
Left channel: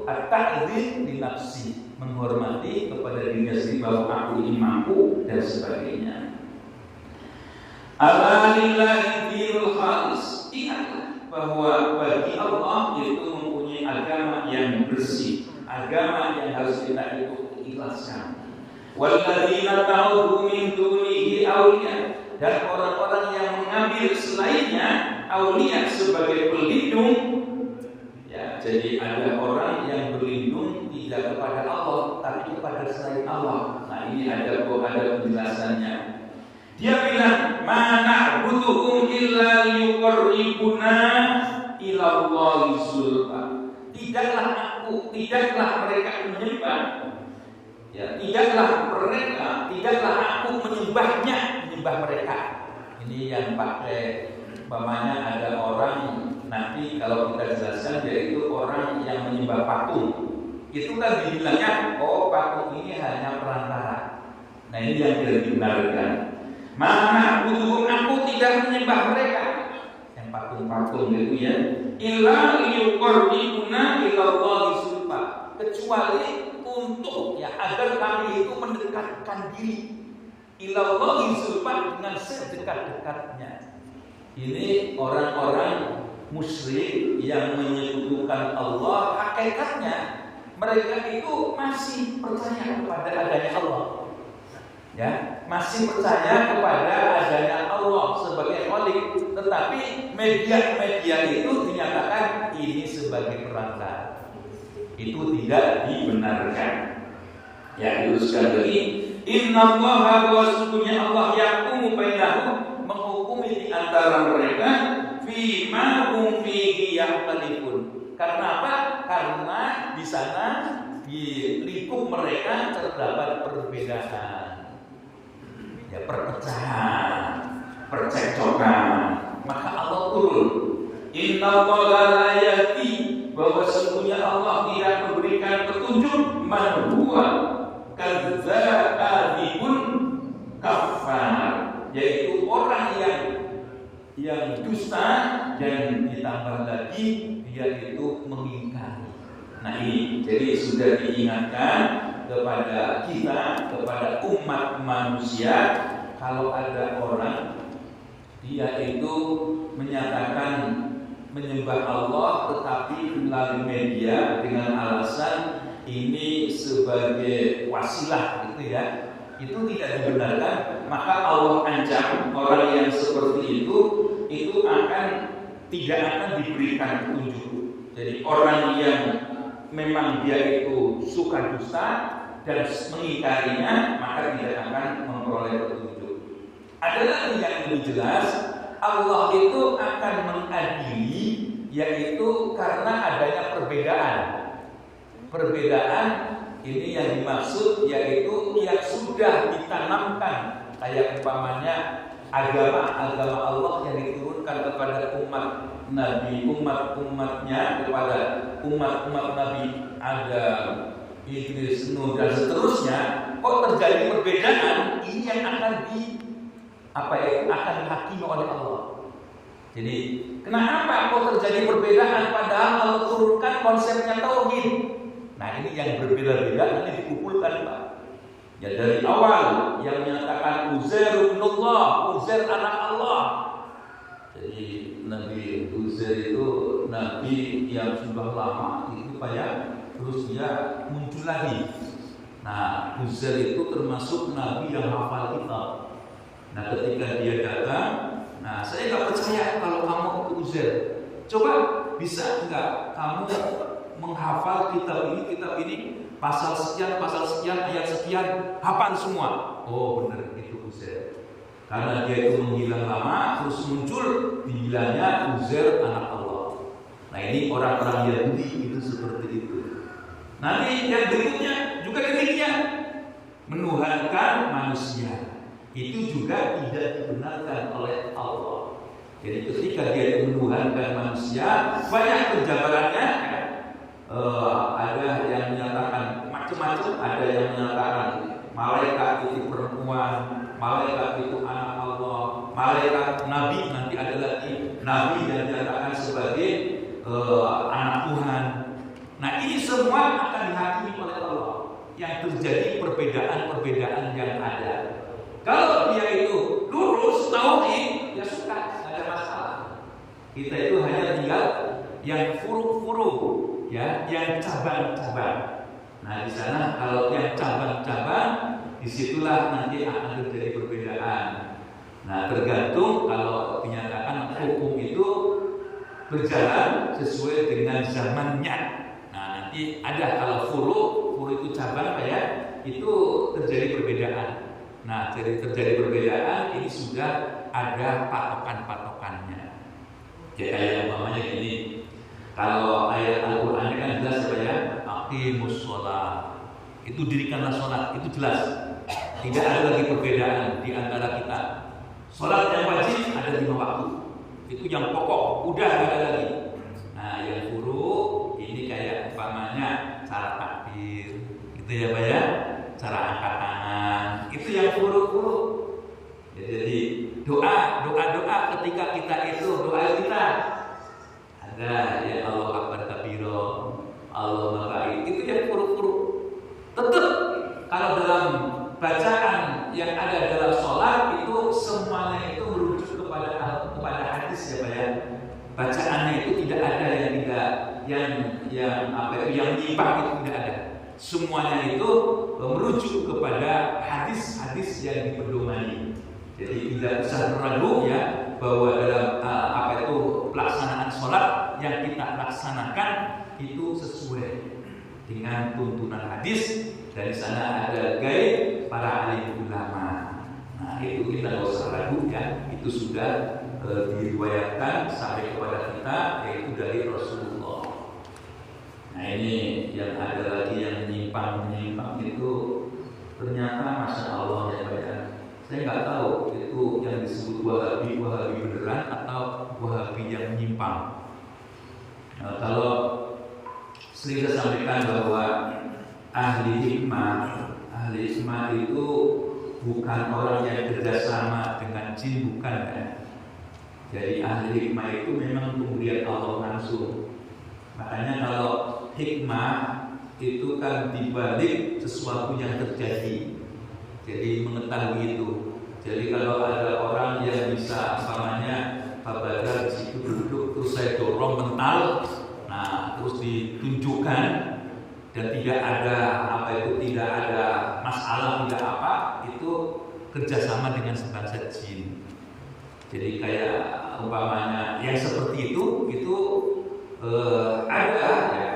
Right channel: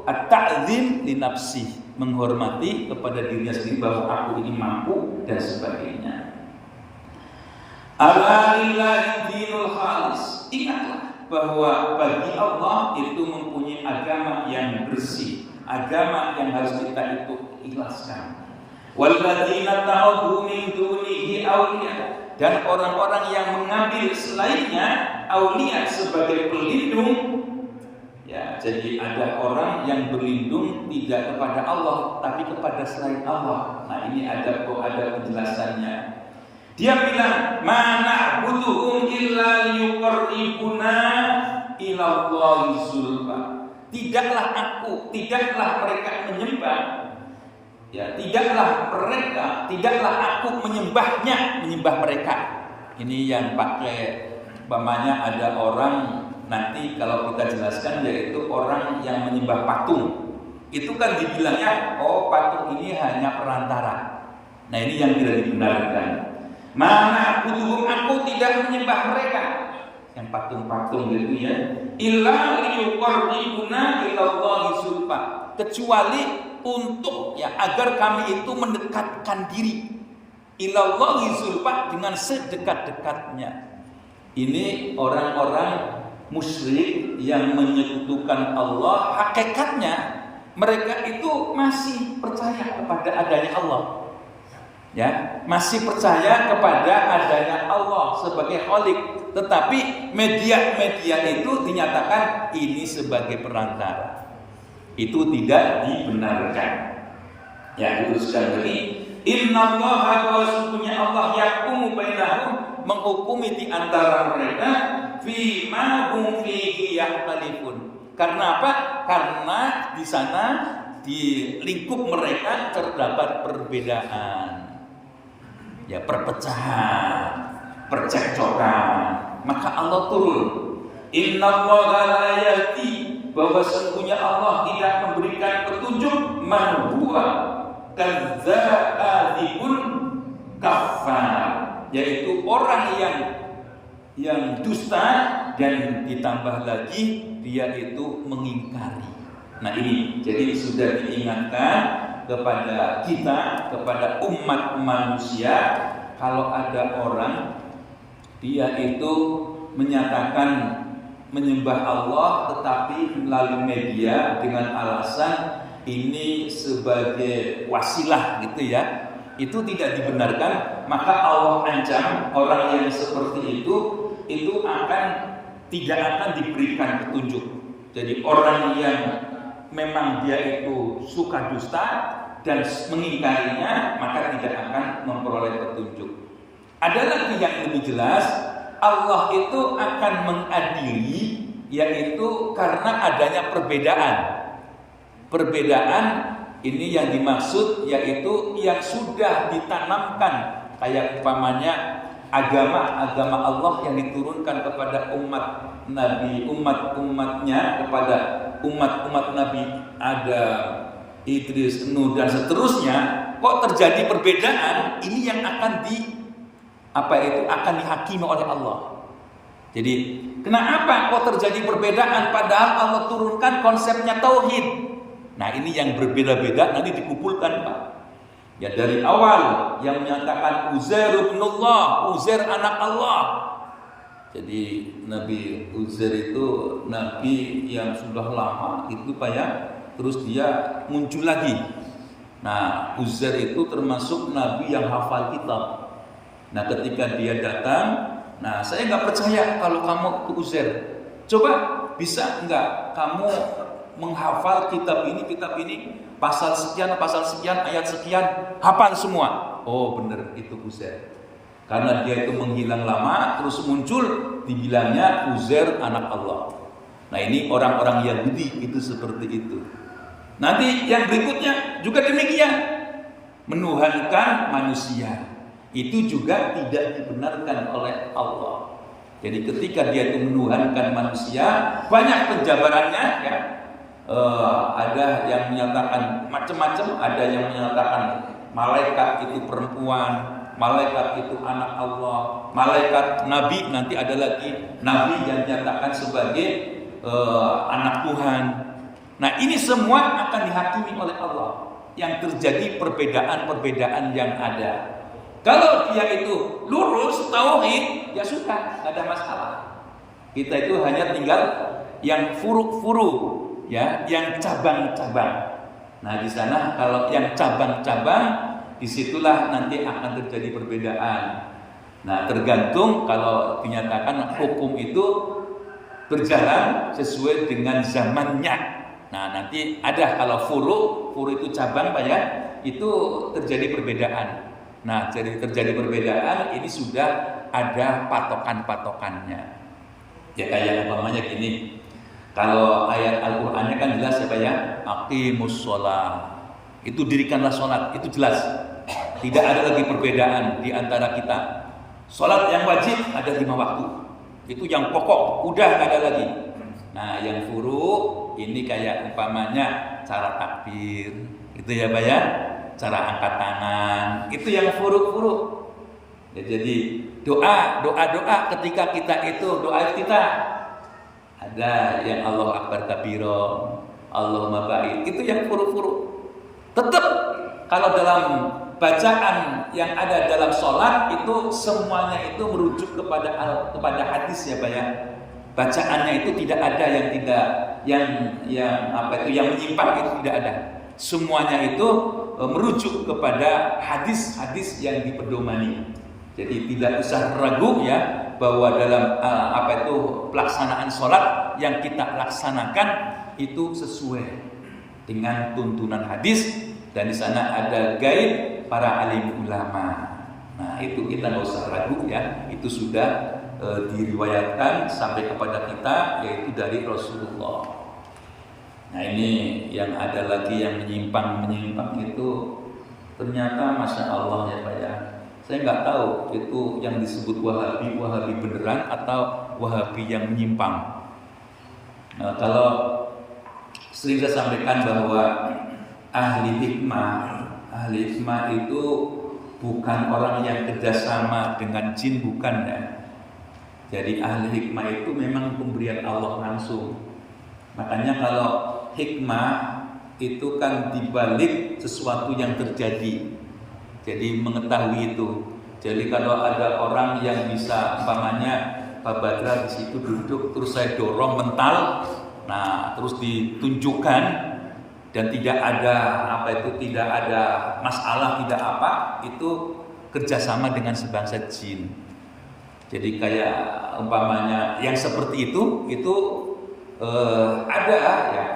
at-ta'zim li nafsi, menghormati kepada dirinya sendiri bahwa aku ini mampu dan sebagainya. Ala lillahi dinul khalis. Ingatlah bahwa bagi Allah itu mempunyai agama yang bersih, agama yang harus kita itu ikhlaskan. Walladzina ta'udhu min dunihi awliya, dan orang-orang yang mengambil selainnya aulia sebagai pelindung. Ya, jadi ada orang yang berlindung tidak kepada Allah tapi kepada selain Allah. Nah, ini ada penjelasannya. Dia bilang, "Mana butuhum illa yuqarribuna ila Allahi zulfa." Tidaklah mereka menyembah. Ya, tidaklah aku menyembah mereka. Ini yang pakai umpamanya ada orang nanti kalau kita jelaskan yaitu orang yang menyembah patung. Itu kan dibilangnya patung ini hanya perantara. Nah, ini yang tidak dibenarkan. Mana butuh aku tidak menyembah mereka. Yang patung-patung itu ya. Illa liyuqarribuna ila Allahi zulfa. Kecuali untuk agar kami itu mendekatkan diri ilallahi zulfa, dengan sedekat-dekatnya. Ini orang-orang musyrik yang menyekutukan Allah. Hakikatnya mereka itu masih percaya kepada adanya Allah. Ya, masih percaya kepada adanya Allah sebagai Khalik, tetapi media-media itu dinyatakan ini sebagai perantara. Itu tidak dibenarkan. Ya, diluruskan lagi. Innallaha wa sesungguhnya Allah yahkumu bainahum, menghukumi di antara mereka fi ma hum fihi yakhtalifun. Karena apa? Karena di sana di lingkup mereka terdapat perbedaan. Ya, perpecahan, percekcokan. Maka Allah turun. Innallaha la yahdi, bahwa sesungguhnya Allah tidak memberikan petunjuk man huwa kadzdzabun kafar, yaitu orang yang dusta dan ditambah lagi dia itu mengingkari. Nah, ini jadi sudah diingatkan kepada kita, kepada umat manusia, kalau ada orang dia itu menyatakan menyembah Allah tetapi melalui media dengan alasan ini sebagai wasilah gitu ya, itu tidak dibenarkan. Maka Allah ancam orang yang seperti itu tidak akan diberikan petunjuk. Jadi orang yang memang dia itu suka dusta dan mengingkarinya, maka tidak akan memperoleh petunjuk. Ada lagi yang lebih jelas, Allah itu akan mengadili, yaitu karena adanya perbedaan. Perbedaan ini yang dimaksud yaitu yang sudah ditanamkan, kayak umpamanya agama Allah yang diturunkan kepada umat Nabi, umat-umatnya, kepada umat-umat Nabi Adam, Idris, Nuh dan seterusnya, kok terjadi perbedaan? Ini yang akan akan dihakimi oleh Allah. Jadi kenapa kok terjadi perbedaan padahal Allah turunkan konsepnya tauhid? Nah, ini yang berbeda-beda nanti dikumpulkan, Pak. Ya, dari awal yang menyatakan Uzair ibnullah, Uzair anak Allah. Jadi Nabi Uzair itu nabi yang sudah lama itu Pak ya. Terus dia muncul lagi. Nah, Uzair itu termasuk nabi yang hafal kitab. Nah, ketika dia datang, nah saya nggak percaya kalau kamu itu Uzair. Coba bisa enggak kamu menghafal kitab ini, pasal sekian, ayat sekian, hafal semua. Oh benar, itu Uzair. Karena dia itu menghilang lama, terus muncul, dibilangnya Uzair anak Allah. Nah, ini orang-orang Yahudi itu seperti itu. Nanti yang berikutnya juga demikian, menuhankan manusia. Itu juga tidak dibenarkan oleh Allah. Jadi ketika dia itu menuhankan manusia, banyak penjabarannya ya. Ada yang menyatakan macam-macam, ada yang menyatakan malaikat itu perempuan, malaikat itu anak Allah, malaikat nabi, nanti ada lagi nabi yang dinyatakan sebagai anak Tuhan. Nah, ini semua akan dihakimi oleh Allah. Yang terjadi perbedaan-perbedaan yang ada. Kalau dia itu lurus tauhid, ya sudah, tidak ada masalah. Kita itu hanya tinggal yang furu-furu, ya, yang cabang-cabang. Nah, di sana kalau yang cabang-cabang, disitulah nanti akan terjadi perbedaan. Nah, tergantung kalau dinyatakan hukum itu berjalan sesuai dengan zamannya. Nah, nanti ada kalau furu itu cabang Pak ya, itu terjadi perbedaan. Nah, jadi terjadi perbedaan ini sudah ada patokan-patokannya. Ya kayak umpamanya gini. Kalau ayat Al-Qur'annya kan jelas ya Pak ya, aqimus shalah. Itu dirikanlah salat, itu jelas. Tidak ada lagi perbedaan di antara kita. Salat yang wajib ada 5 waktu. Itu yang pokok, udah nggak ada lagi. Nah, yang furu ini kayak umpamanya cara takbir, gitu ya Pak ya. Cara angkat tangan, itu yang furu-furu. Ya, jadi doa ketika kita itu doa kita ada yang Allah Akbar kabiro, Allahumma baik, itu yang furu-furu. Tetap kalau dalam bacaan yang ada dalam sholat itu semuanya itu merujuk kepada hadis ya Pak ya. Bacaannya itu tidak ada yang menyimpang, itu tidak ada. Semuanya itu merujuk kepada hadis-hadis yang dipedomani. Jadi tidak usah ragu ya bahwa dalam pelaksanaan sholat yang kita laksanakan itu sesuai dengan tuntunan hadis, dan di sana ada guide para alim ulama. Nah, itu kita nggak usah ragu ya, itu sudah diriwayatkan sampai kepada kita, yaitu dari Rasulullah. Nah, ini yang ada lagi yang menyimpang itu ternyata Masya Allah ya Pak ya. Saya nggak tahu itu yang disebut Wahabi beneran atau Wahabi yang menyimpang. Nah, kalau sering saya sampaikan bahwa ahli hikmah itu bukan orang yang kerjasama dengan jin, bukan ya. Jadi ahli hikmah itu memang pemberian Allah langsung. Makanya kalau hikmah itu kan dibalik sesuatu yang terjadi. Jadi mengetahui itu. Jadi kalau ada orang yang bisa umpamanya Pak Badra di situ duduk, terus saya dorong mental, nah terus ditunjukkan dan tidak ada tidak ada masalah, tidak apa, itu kerjasama dengan sebangsa jin. Jadi kayak umpamanya yang seperti itu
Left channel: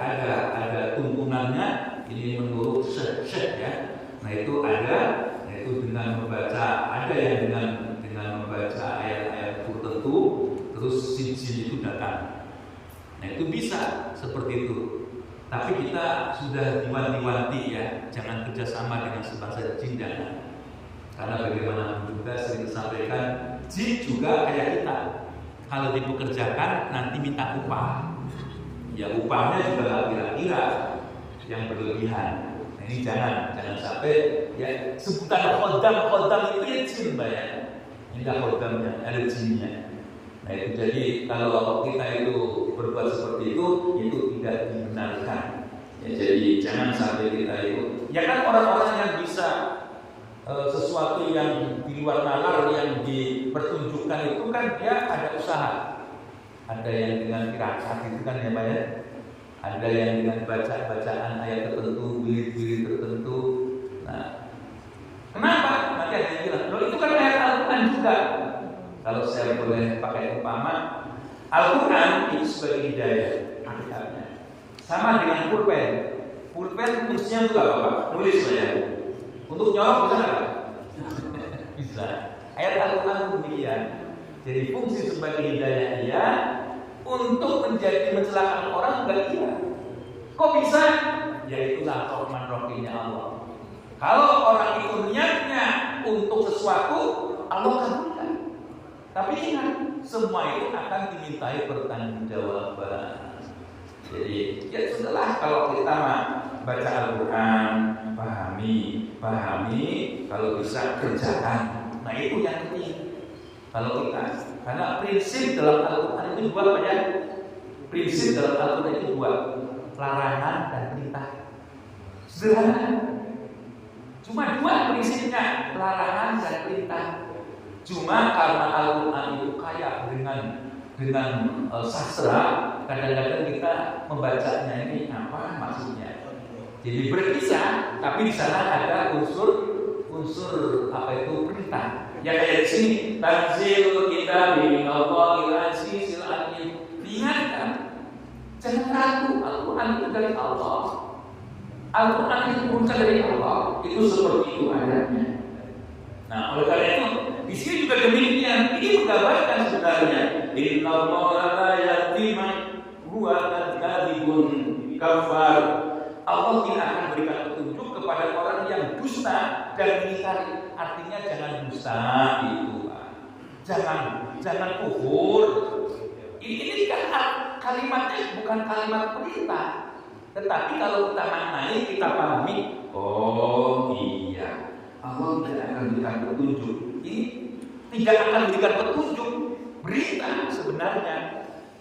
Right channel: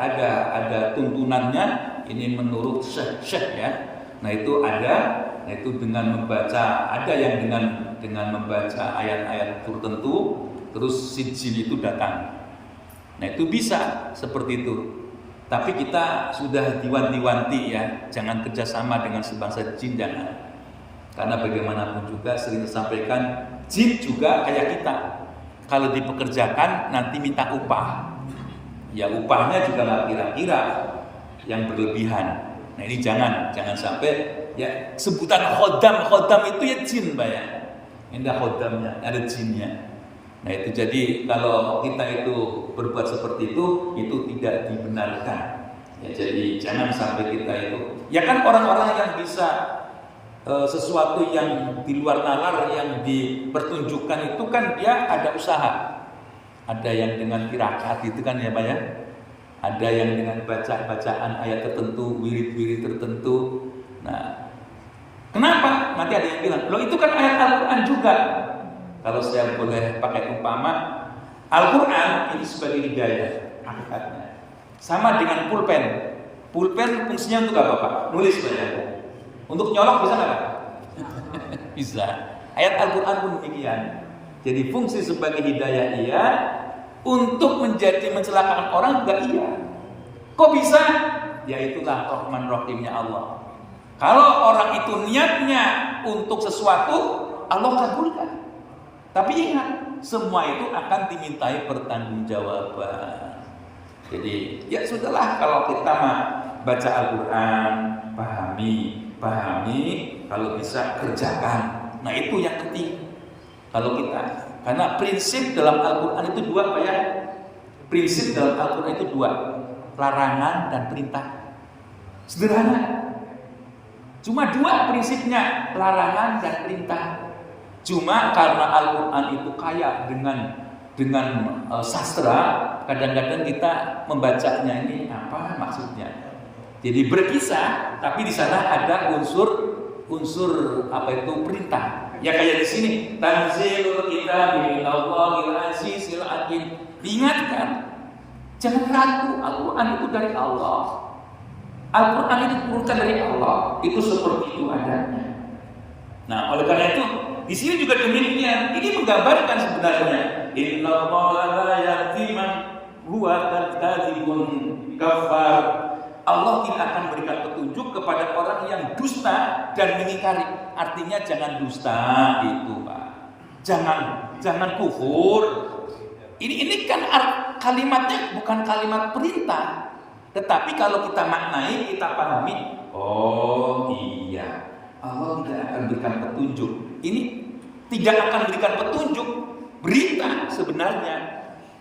ada tuntunannya, ini menurut syekh ya. Nah itu ada. Nah itu dengan membaca, ada yang dengan membaca ayat-ayat tertentu, terus si jin itu datang. Nah itu bisa seperti itu. Tapi kita sudah diwanti-wanti ya, jangan kerjasama dengan sebangsa jin, jangan. Karena bagaimanapun juga sering disampaikan, Jin juga kayak kita. Kalau dipekerjakan nanti minta upah. Ya upahnya juga lah kira-kira yang berlebihan. Nah ini jangan sampai ya sebutan khodam itu ya jin ya. Enggak khodamnya, ada jinnya. Nah itu jadi kalau kita itu berbuat seperti itu tidak dibenarkan. Ya, jadi jangan sampai kita itu. Ya kan orang-orang yang bisa sesuatu yang di luar nalar yang dipertunjukkan itu kan dia ada usaha. Ada yang dengan qiraat itu kan ya Pak ya. Ada yang dengan bacaan ayat tertentu, wirid-wirid tertentu. Nah, kenapa? Nanti ada yang bilang, loh itu kan ayat Al-Quran juga. Kalau saya boleh pakai umpama, Al-Quran itu sebagai hidayah hakikatnya. Sama dengan pulpen. Pulpen fungsinya untuk apa Pak? Nulis saya. Untuk nyolok bisa nggak? Bisa. Ayat Al-Quran pun demikian. Jadi fungsi sebagai hidayah iya, untuk menjadi mencelakakan orang enggak iya. Kok bisa? Ya itulah Rahman Rahimnya Allah. Kalau orang itu niatnya untuk sesuatu, Allah kabulkan. Tapi ingat, semua itu akan dimintai pertanggungjawaban. Jadi ya sudahlah kalau kita baca Al-Quran, pahami, kalau bisa kerjakan. Nah itu yang penting. Kalau kita, karena prinsip dalam Al-Quran itu dua kayak prinsip dalam Al-Quran itu dua, larangan dan perintah. Sederhana. Cuma dua prinsipnya, larangan dan perintah. Cuma karena Al-Quran itu kaya dengan sastra, kadang-kadang kita membacanya ini apa maksudnya. Jadi berkisah, tapi di sana ada unsur apa itu perintah. Ya kayak di sini, tanzilul kitab minallahil azizil hakim. Diingatkan, jangan ragu, Al-Quran itu dari Allah. Al-Quran itu diturunkan dari Allah. Itu seperti itu adanya. Nah, oleh karena itu di sini juga demikian. Ini menggambarkan sebenarnya innallaha la yahdi man huwa kadzibun kafar. Allah tidak akan berikan petunjuk kepada orang yang dusta dan mengingkari. Artinya jangan dusta itu, Pak. Jangan kufur. Ini kan kalimatnya bukan kalimat perintah. Tetapi kalau kita maknai, kita pahami, oh iya, Allah tidak akan berikan petunjuk. Ini tidak akan berikan petunjuk, berita sebenarnya.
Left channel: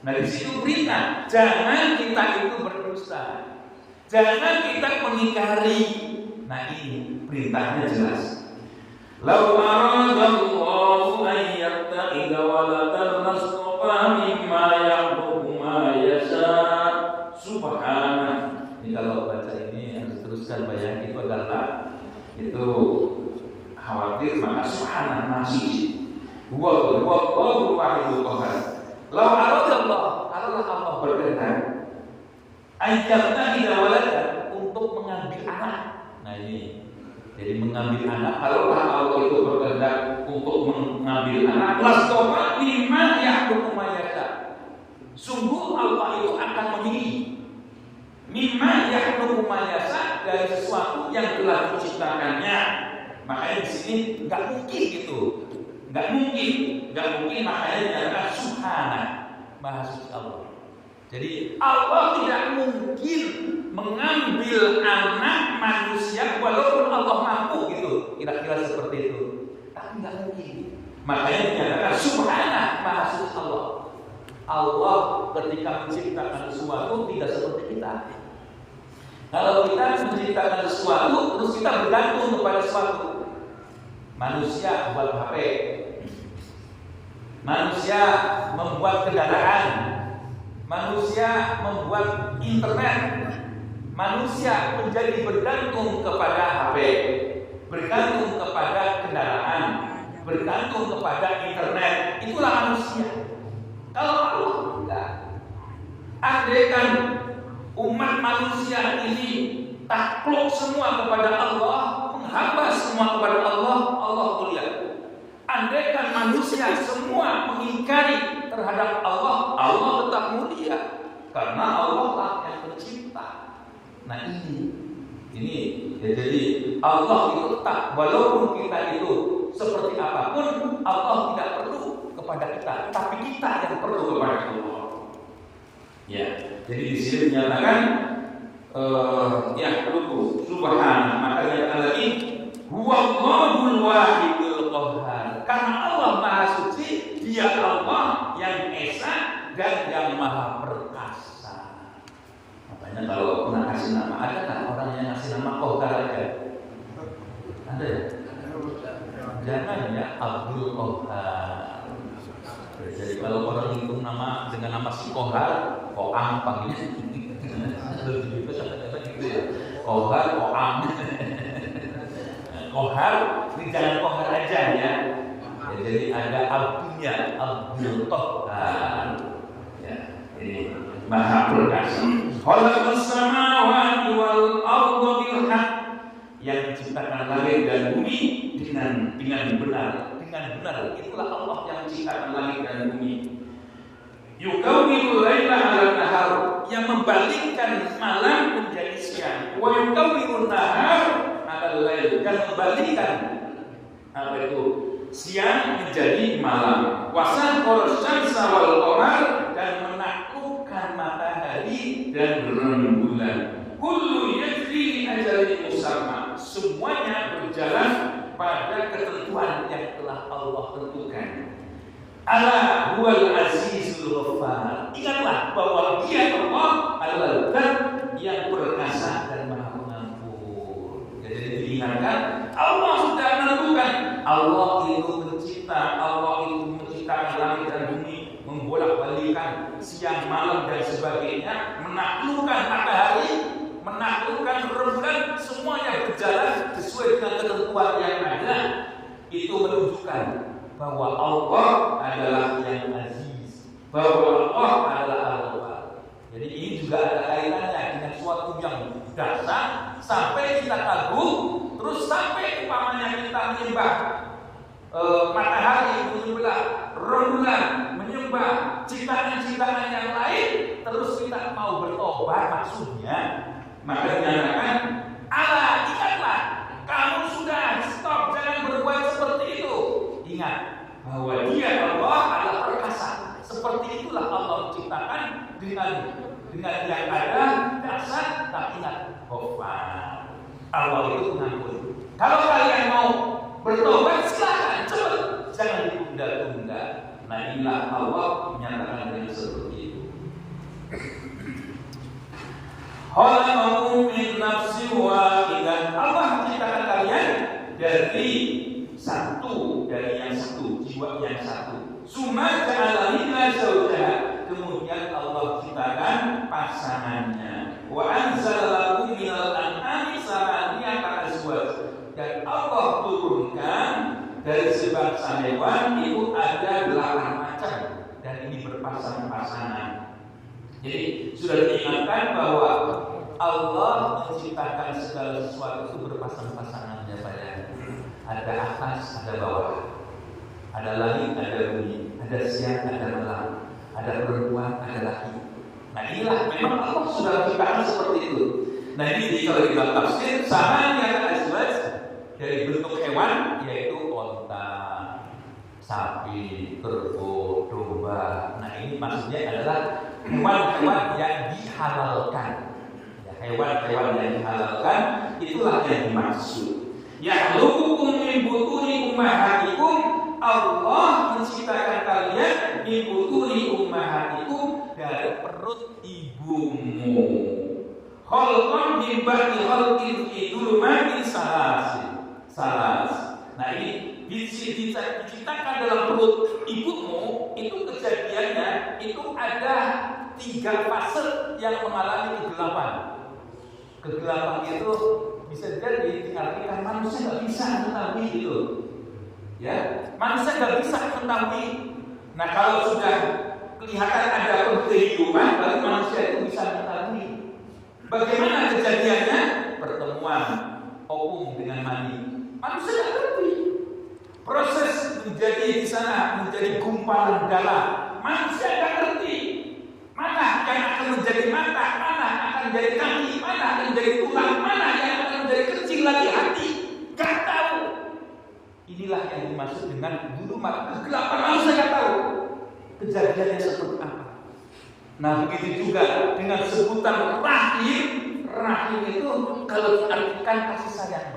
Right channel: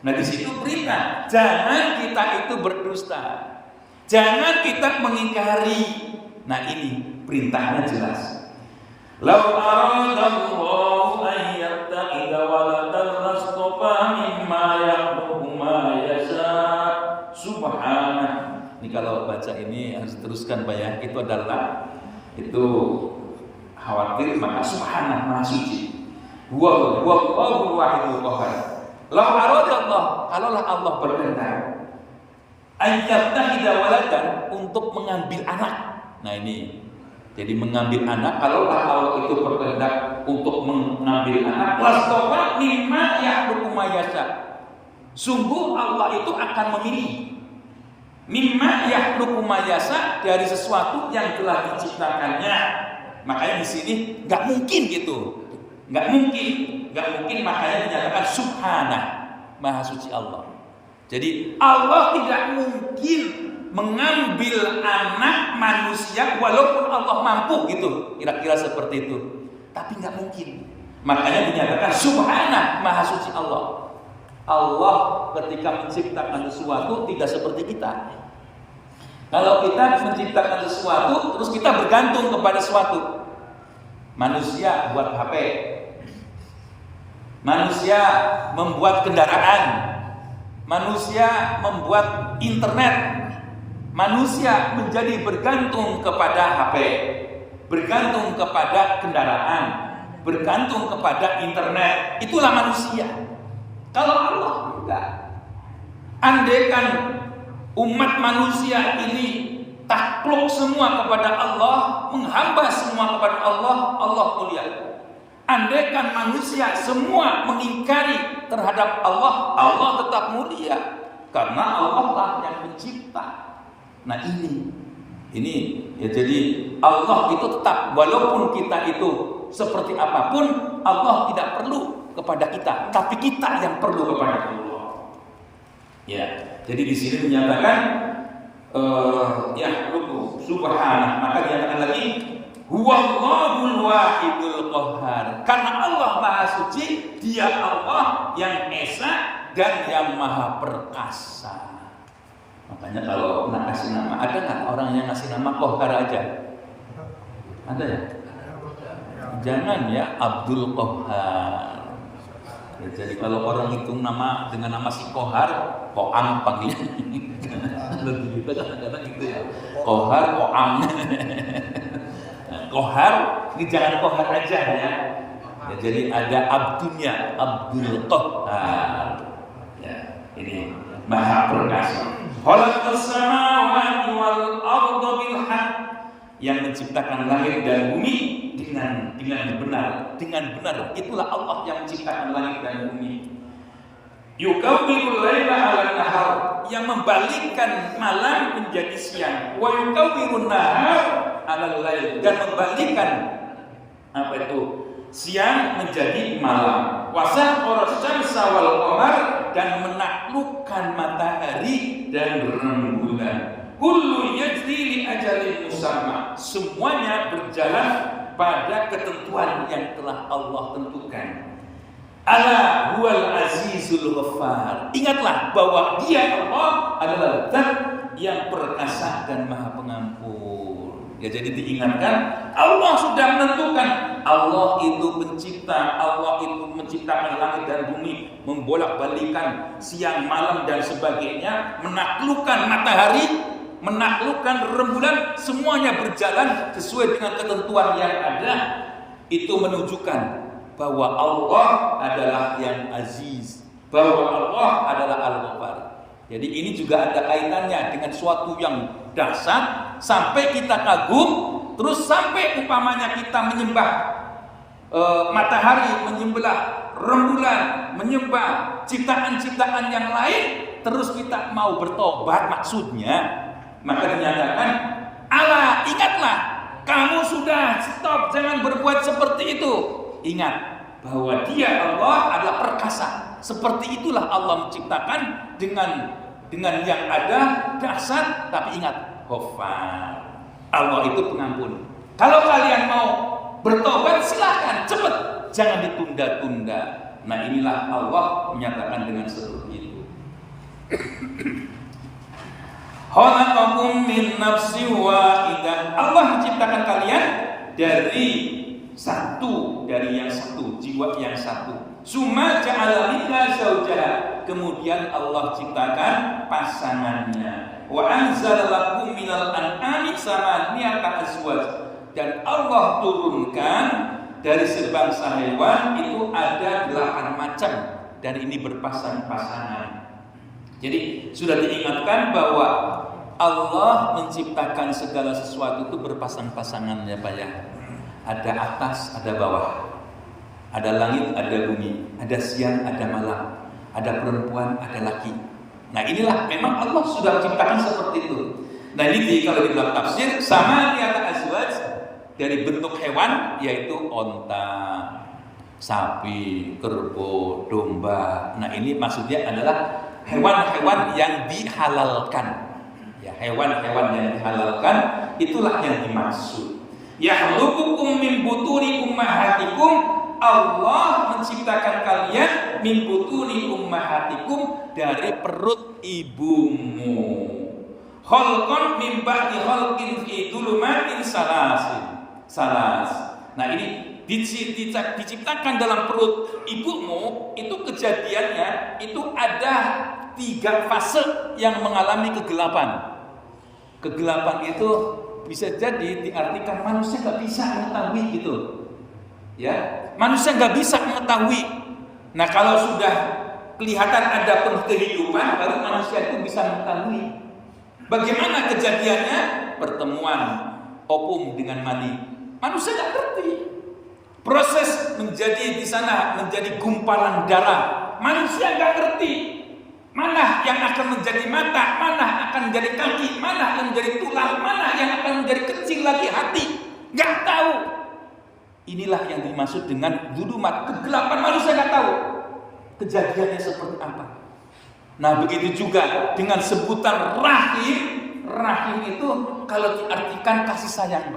Nah di situ berita, jangan kita itu berdusta. Jangan kita mengingkari. Nah ini perintahnya jelas. Lau aradallahu an yattakhidha waladan lastafa mimma yakhluqu ma yasha. Subhanallah. Ini kalau baca ini harus teruskan Pak ya. Itu adalah khawatir maka subhanallah maha suci. Wa wahidul qahhar. Lau aradallahu, kalaulah Allah berkehendak ayyatakhidha waladan, untuk mengambil anak. Nah ini, jadi mengambil anak, kalau Allah itu berkehendak untuk mengambil anak, lastofa mimma yakhluqu ma yasha. Sungguh Allah itu akan memilih mimma yakhluqu ma yasha, dari sesuatu yang telah diciptakannya. Makanya di sini nggak mungkin gitu, nggak mungkin makanya dinyatakan subhanah, maha suci Allah. Jadi Allah tidak mungkin mengambil anak manusia walaupun Allah mampu gitu, kira-kira seperti itu. Tapi nggak mungkin. Makanya dinyatakan subhanah, maha suci Allah. Allah ketika menciptakan sesuatu tidak seperti kita. Kalau kita menciptakan sesuatu terus kita bergantung kepada sesuatu. Manusia buat HP, manusia membuat kendaraan, manusia membuat internet. Manusia menjadi bergantung kepada HP, bergantung kepada kendaraan, bergantung kepada internet. Itulah manusia. Kalau Allah enggak. Andaikan umat manusia ini takluk semua kepada Allah, menghamba semua kepada Allah, Allah mulia. Andaikan manusia semua mengingkari terhadap Allah, Allah tetap mulia. Karena Allah lah yang mencipta. Nah ini ya, jadi Allah itu tetap, walaupun kita itu seperti apapun, Allah tidak perlu kepada kita, tapi kita yang perlu kepada Allah. Ya, jadi di sini menyatakan ya subhanallah, maka dikatakan lagi huwallahul wahidul qahhar. Karena Allah Maha Suci, Dia Allah yang esa dan yang Maha Perkasa. Makanya kalau nak kasih nama, ada nggak orang yang ngasih nama Qahhar aja? Ada ya? Jangan ya Abdul Qahhar. Ya, jadi kalau orang hitung nama dengan nama si Qahhar, Qoam panggilnya. Lebih gitu kadang-kadang gitu ya. Qahhar, Qoam. Qahhar, ini jangan Qahhar aja ya. Ya, jadi ada Abdulnya, Abdul Qahhar. Ya, ini Maha Perkasa. Khalaqas samawati wal arda bil haqq, yang menciptakan langit dan bumi dengan benar. Itulah Allah yang menciptakan langit dan bumi. Yukawwirul laila 'alan nahar, yang membalikkan malam menjadi siang. Wa yukawwirun nahar 'alal lail, dan membalikkan apa itu? Siang menjadi malam. Wasakhkhara asy-syamsa wal qamar, dan menaklukkan matahari dan rembulan. Kullu yajri li ajalin musamma, semuanya berjalan pada ketentuan yang telah Allah tentukan. Ala huwal azizul ghaffar, ingatlah bahwa Dia Allah adalah Zat yang perkasa dan Maha Pengampun. Ya, jadi diingatkan Allah sudah menentukan. Allah itu pencipta, Allah itu menciptakan langit dan bumi, membolak-balikan siang malam dan sebagainya, menaklukkan matahari, menaklukkan rembulan, semuanya berjalan sesuai dengan ketentuan yang ada. Itu menunjukkan bahwa Allah adalah yang aziz, bahwa Allah adalah Al-Ghaffar. Jadi ini juga ada kaitannya dengan suatu yang dahsyat, sampai kita kagum, terus sampai umpamanya kita menyembah matahari, menyembah rembulan, menyembah ciptaan-ciptaan yang lain, terus kita mau bertobat maksudnya. Maka dinyatakan, Allah ingatlah, kamu sudah stop, jangan berbuat seperti itu. Ingat bahwa Dia Allah adalah perkasa. Seperti itulah Allah menciptakan dengan yang ada dahsyat, tapi ingat, Ghaffar. Allah itu pengampun. Kalau kalian mau bertobat silahkan, cepat, jangan ditunda-tunda. Nah, inilah Allah menyatakan dengan seperti itu. Khalaqakum min nafsin wahidah, Allah menciptakan kalian dari yang satu, jiwa yang satu. Summa ja'ala minha zawjaha, kemudian Allah ciptakan pasangannya. Wa anzala lakum minal an'ami samaniyata azwaj, dan Allah turunkan dari sebangsa hewan itu ada 8 macam, dan ini berpasang-pasangan. Jadi sudah diingatkan bahwa Allah menciptakan segala sesuatu itu berpasang-pasangan ya Pak ya. Ada atas, ada bawah, ada langit, ada bumi, ada siang, ada malam, ada perempuan, ada laki. Nah inilah memang Allah sudah menciptakan seperti itu. Nah ini kalau di dalam tafsir sama yang azwaj, dari bentuk hewan yaitu onta, sapi, kerbau, domba. Nah ini maksudnya adalah hewan-hewan yang dihalalkan. Ya, hewan-hewan yang dihalalkan itulah yang dimaksud. Yakhluqukum min butuni ummahatikum, Allah menciptakan kalian min butuni ummahatikum, dari perut ibumu. Khalqan min ba'di khalqin fi dhulumatin salas. Nah ini diciptakan dalam perut ibumu, itu kejadiannya itu ada 3 fase yang mengalami kegelapan. Kegelapan itu bisa jadi diartikan manusia nggak bisa mengetahui gitu, ya, manusia nggak bisa mengetahui. Nah kalau sudah kelihatan ada kehidupan, baru manusia itu bisa mengetahui. Bagaimana kejadiannya? Pertemuan opung dengan mani, manusia nggak ngerti. Proses menjadi di sana menjadi gumpalan darah, manusia nggak ngerti. Mana yang akan menjadi mata, mana akan menjadi kaki, mana yang menjadi tulang, mana yang akan menjadi kecil lagi hati, nggak tahu. Inilah yang dimaksud dengan dzulumat, kegelapan manusia nggak tahu kejadiannya seperti apa. Nah begitu juga dengan sebutan rahim. Rahim itu kalau diartikan kasih sayang.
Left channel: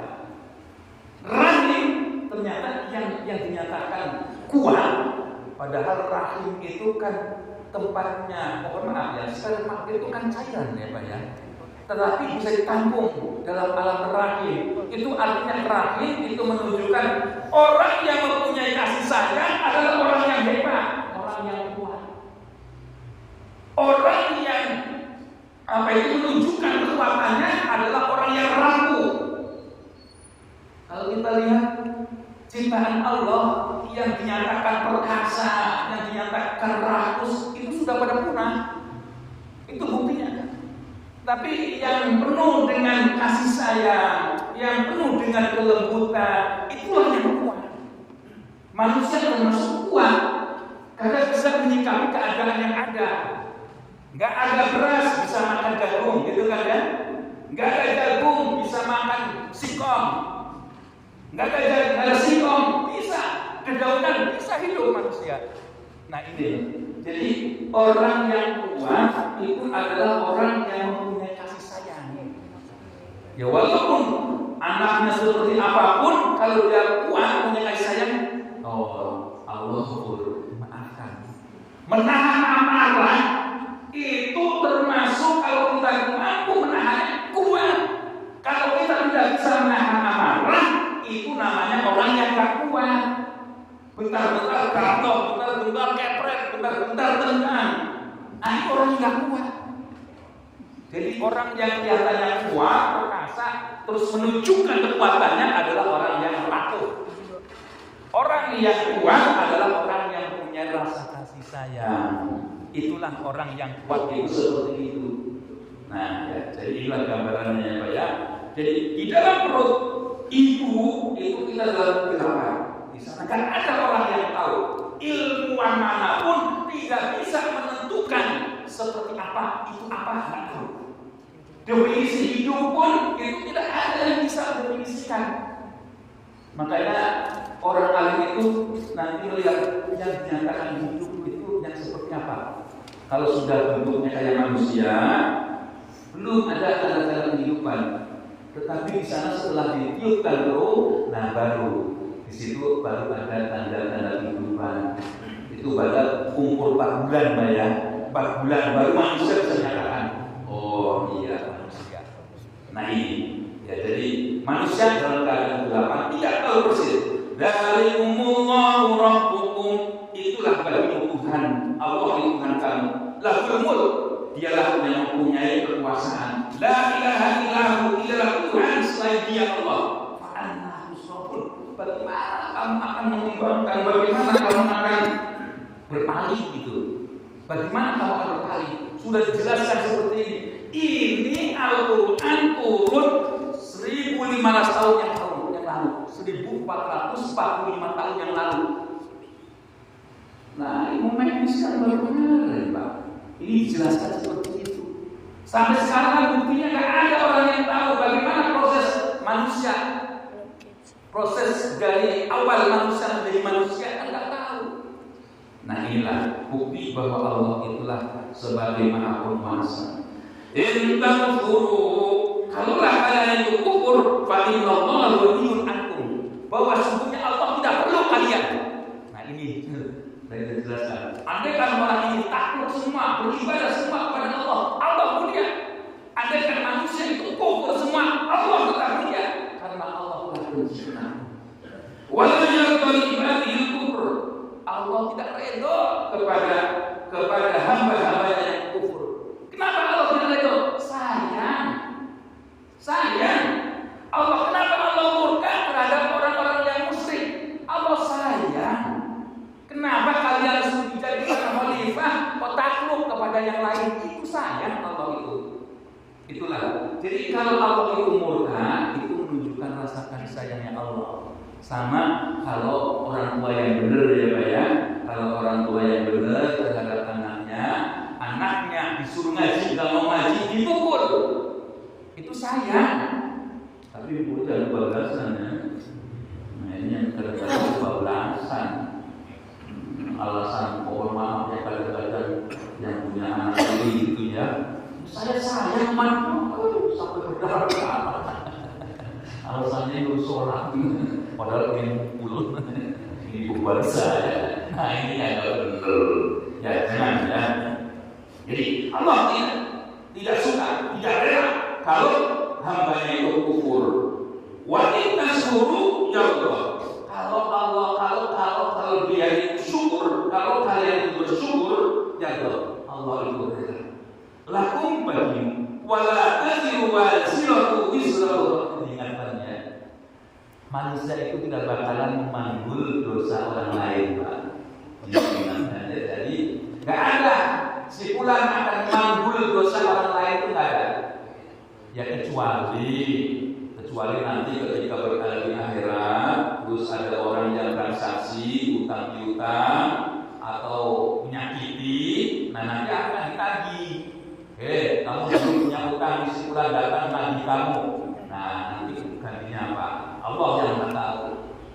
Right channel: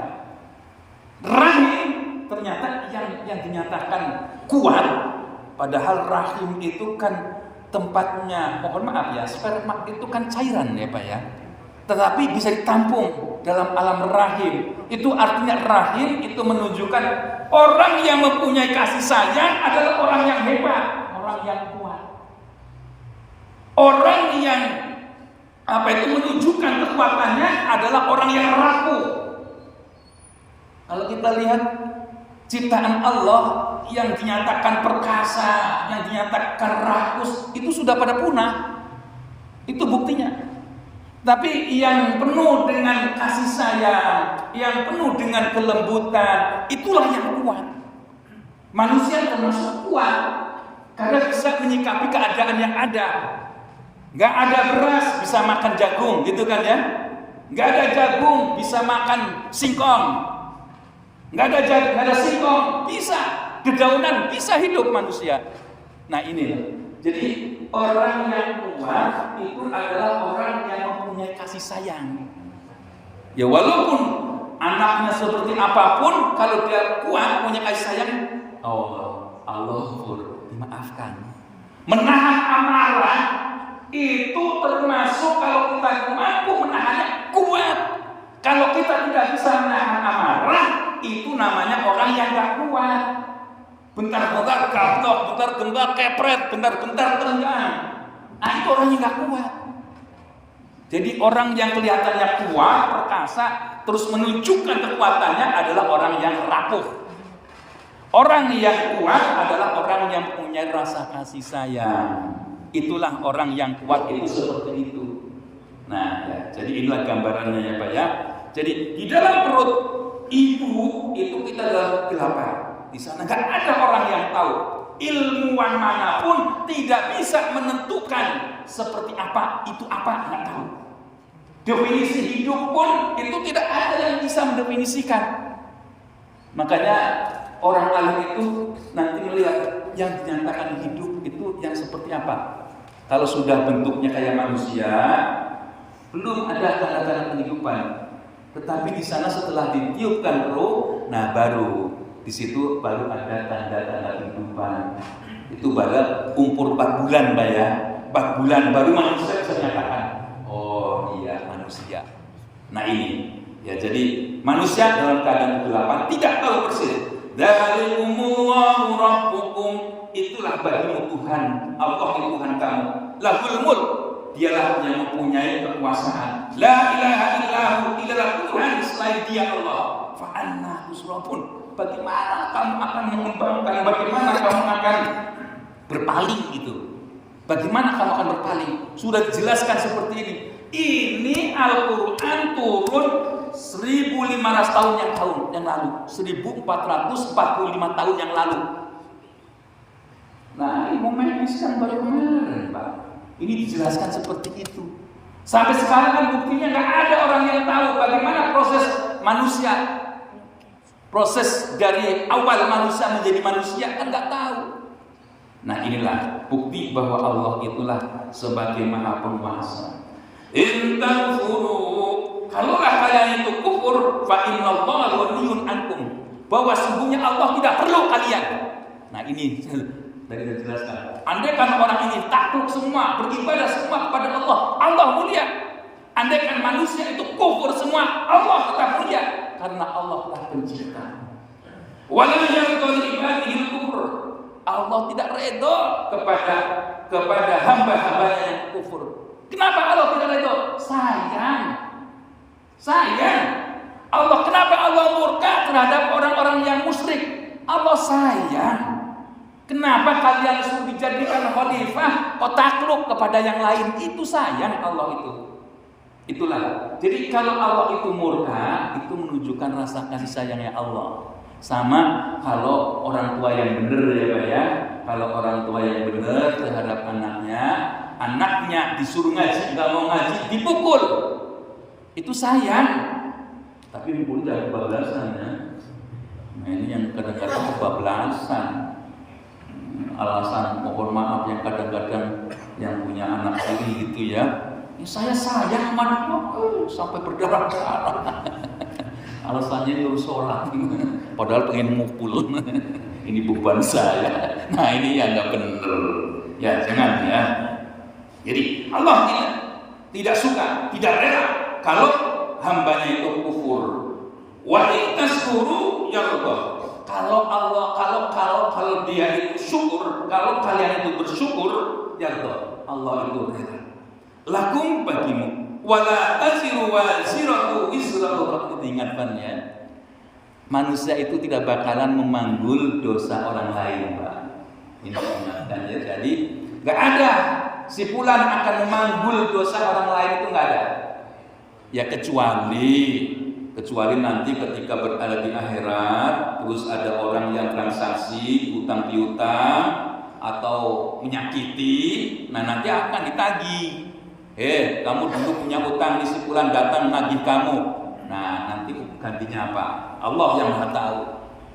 Rahim ternyata yang dinyatakan kuat, padahal rahim itu kan tempatnya, mohon maaf ya, sperma itu kan cairan ya Pak ya, tetapi bisa ditampung dalam alam rahim. Itu artinya rahim itu menunjukkan orang yang mempunyai kasih sayang adalah orang yang hebat, orang yang kuat, orang yang itu menunjukkan kekuatannya adalah orang yang rapuh. Kalau kita lihat ciptaan Allah yang dinyatakan perkasa, yang dinyatakan rakus, itu sudah pada punah. Itu buktinya. Tapi yang penuh dengan kasih sayang, yang penuh dengan kelembutan, itulah yang kuat. Manusia termasuk kuat karena bisa menyikapi keadaan yang ada. Gak ada beras bisa makan jagung, gitu kan ya? Gak ada jagung bisa makan singkong. Gak ada singkong bisa, dedaunan bisa hidup manusia. Nah ini, jadi orang yang kuat itu adalah orang yang mempunyai kasih sayang. Ya walaupun anaknya seperti apapun, kalau dia kuat punya kasih sayang, Allah dimaafkan. Menahan amarah itu termasuk kalau kita mampu menahan kuat. Kalau kita tidak bisa menahan amarah, itu namanya orang yang gak kuat. Bentar-bentar gablok, bentar-bentar kepret, bentar-bentar tenang. Nah itu orang yang gak kuat. Jadi orang yang kelihatannya kuat, perkasa, terus menunjukkan kekuatannya adalah orang yang rapuh. Orang yang kuat adalah orang yang punya rasa kasih sayang. Itulah orang yang kuat itu seperti itu. Nah, ya, jadi inilah gambarannya ya Pak ya. Jadi di dalam perut ibu itu kita dalam kegelapan. Di sana kan ada orang yang tahu. Ilmuwan manapun tidak bisa menentukan seperti apa itu apa, nggak tahu. Definisi hidup pun itu tidak ada yang bisa mendefinisikan. Makanya orang alim itu nanti melihat yang dinyatakan hidup itu yang seperti apa. Kalau sudah bentuknya kayak manusia, belum ada tanda-tanda kehidupan. Tetapi di sana setelah ditiupkan roh, nah baru di situ baru ada tanda-tanda kehidupan. Itu baru umur 4 bulan Pak ya. 4 bulan baru manusia bisa menyatakan, oh iya manusia. Nah ini ya, jadi manusia dalam keadaan kegelapan tidak tahu persis. Dzalikumullahu rabbukum, itulah bagimu Tuhan, Allah Tuhan kamu. Lahul mulk, dialah yang mempunyai kekuasaan. La ilaha illallah, ilah Tuhan selain dia Allah. Fa anna tusrafun, bagaimana kamu akan mengembangkan, bagaimana kamu akan berpaling itu? Bagaimana kamu akan berpaling? Sudah dijelaskan seperti ini. Ini Al-Quran turun 1500 tahun yang lalu, 1445 tahun yang lalu. Nah, ini momen sekarang baru kemarin, Pak. Ini dijelaskan seperti itu. Sampai sekarang kan buktinya nggak ada orang yang tahu bagaimana proses manusia, proses dari awal manusia menjadi manusia kan nggak tahu. Nah inilah bukti bahwa Allah itulah sebagai Maha Penguasa. Kalaulah kalian itu kufur, fa innallaha ghaniyun ankum, bahwa sesungguhnya Allah tidak perlu kalian. Nah ini dari dijelaskan. Andai kan orang ini takluk semua, beribadah semua kepada Allah, Allah mulia. Andai kan manusia itu kufur semua, Allah tetap mulia karena Allah telah mencipta. Walau yarda li ibadihi kufur, Allah tidak redha kepada hamba-hamba yang kufur. Kenapa Allah tidak redha? Sayang. Allah, kenapa Allah murka terhadap orang-orang yang musyrik? Allah sayang. Kenapa kalian harus dijadikan khalifah, takluk kepada yang lain? Itu sayang Allah itu. Itulah. Jadi kalau Allah itu murka, itu menunjukkan rasa kasih sayangnya Allah. Sama kalau orang tua yang benar ya Pak ya. Kalau orang tua yang benar terhadap anaknya disuruh ngaji, nggak mau ngaji dipukul. Itu sayang. Tapi pukul dari 12-an ya. Nah ini yang kadang-kadang 12-an. alasan mohon maaf yang kadang-kadang yang punya anak sendiri gitu ya. Saya sayang sama sampai berdarah-darah. Alasannya nyuruh sholat, padahal pengen mukul. Ini beban saya. Nah ini yang nggak benar. Ya jangan ya. Jadi Allah tidak suka, tidak rela kalau hambanya itu kufur. Wa in tashkuru ya Allah. Kalau dia itu syukur, kalau kalian itu bersyukur, ya Allah itu rela. Lakum bagimu, wala taziru waziratu wizra ukhra. Diingatkannya, manusia itu tidak bakalan memanggul dosa orang lain, Pak. Ini ingatkannya. Jadi nggak ada si fulan akan memanggul dosa orang lain, itu nggak ada. Ya kecuali nanti ketika berada di akhirat, terus ada orang yang transaksi utang piutang atau menyakiti, nah nanti akan ditagih. Kamu dulu punya utang di si fulan, datang menagih kamu. Nah nanti gantinya apa? Allah yang Maha tahu.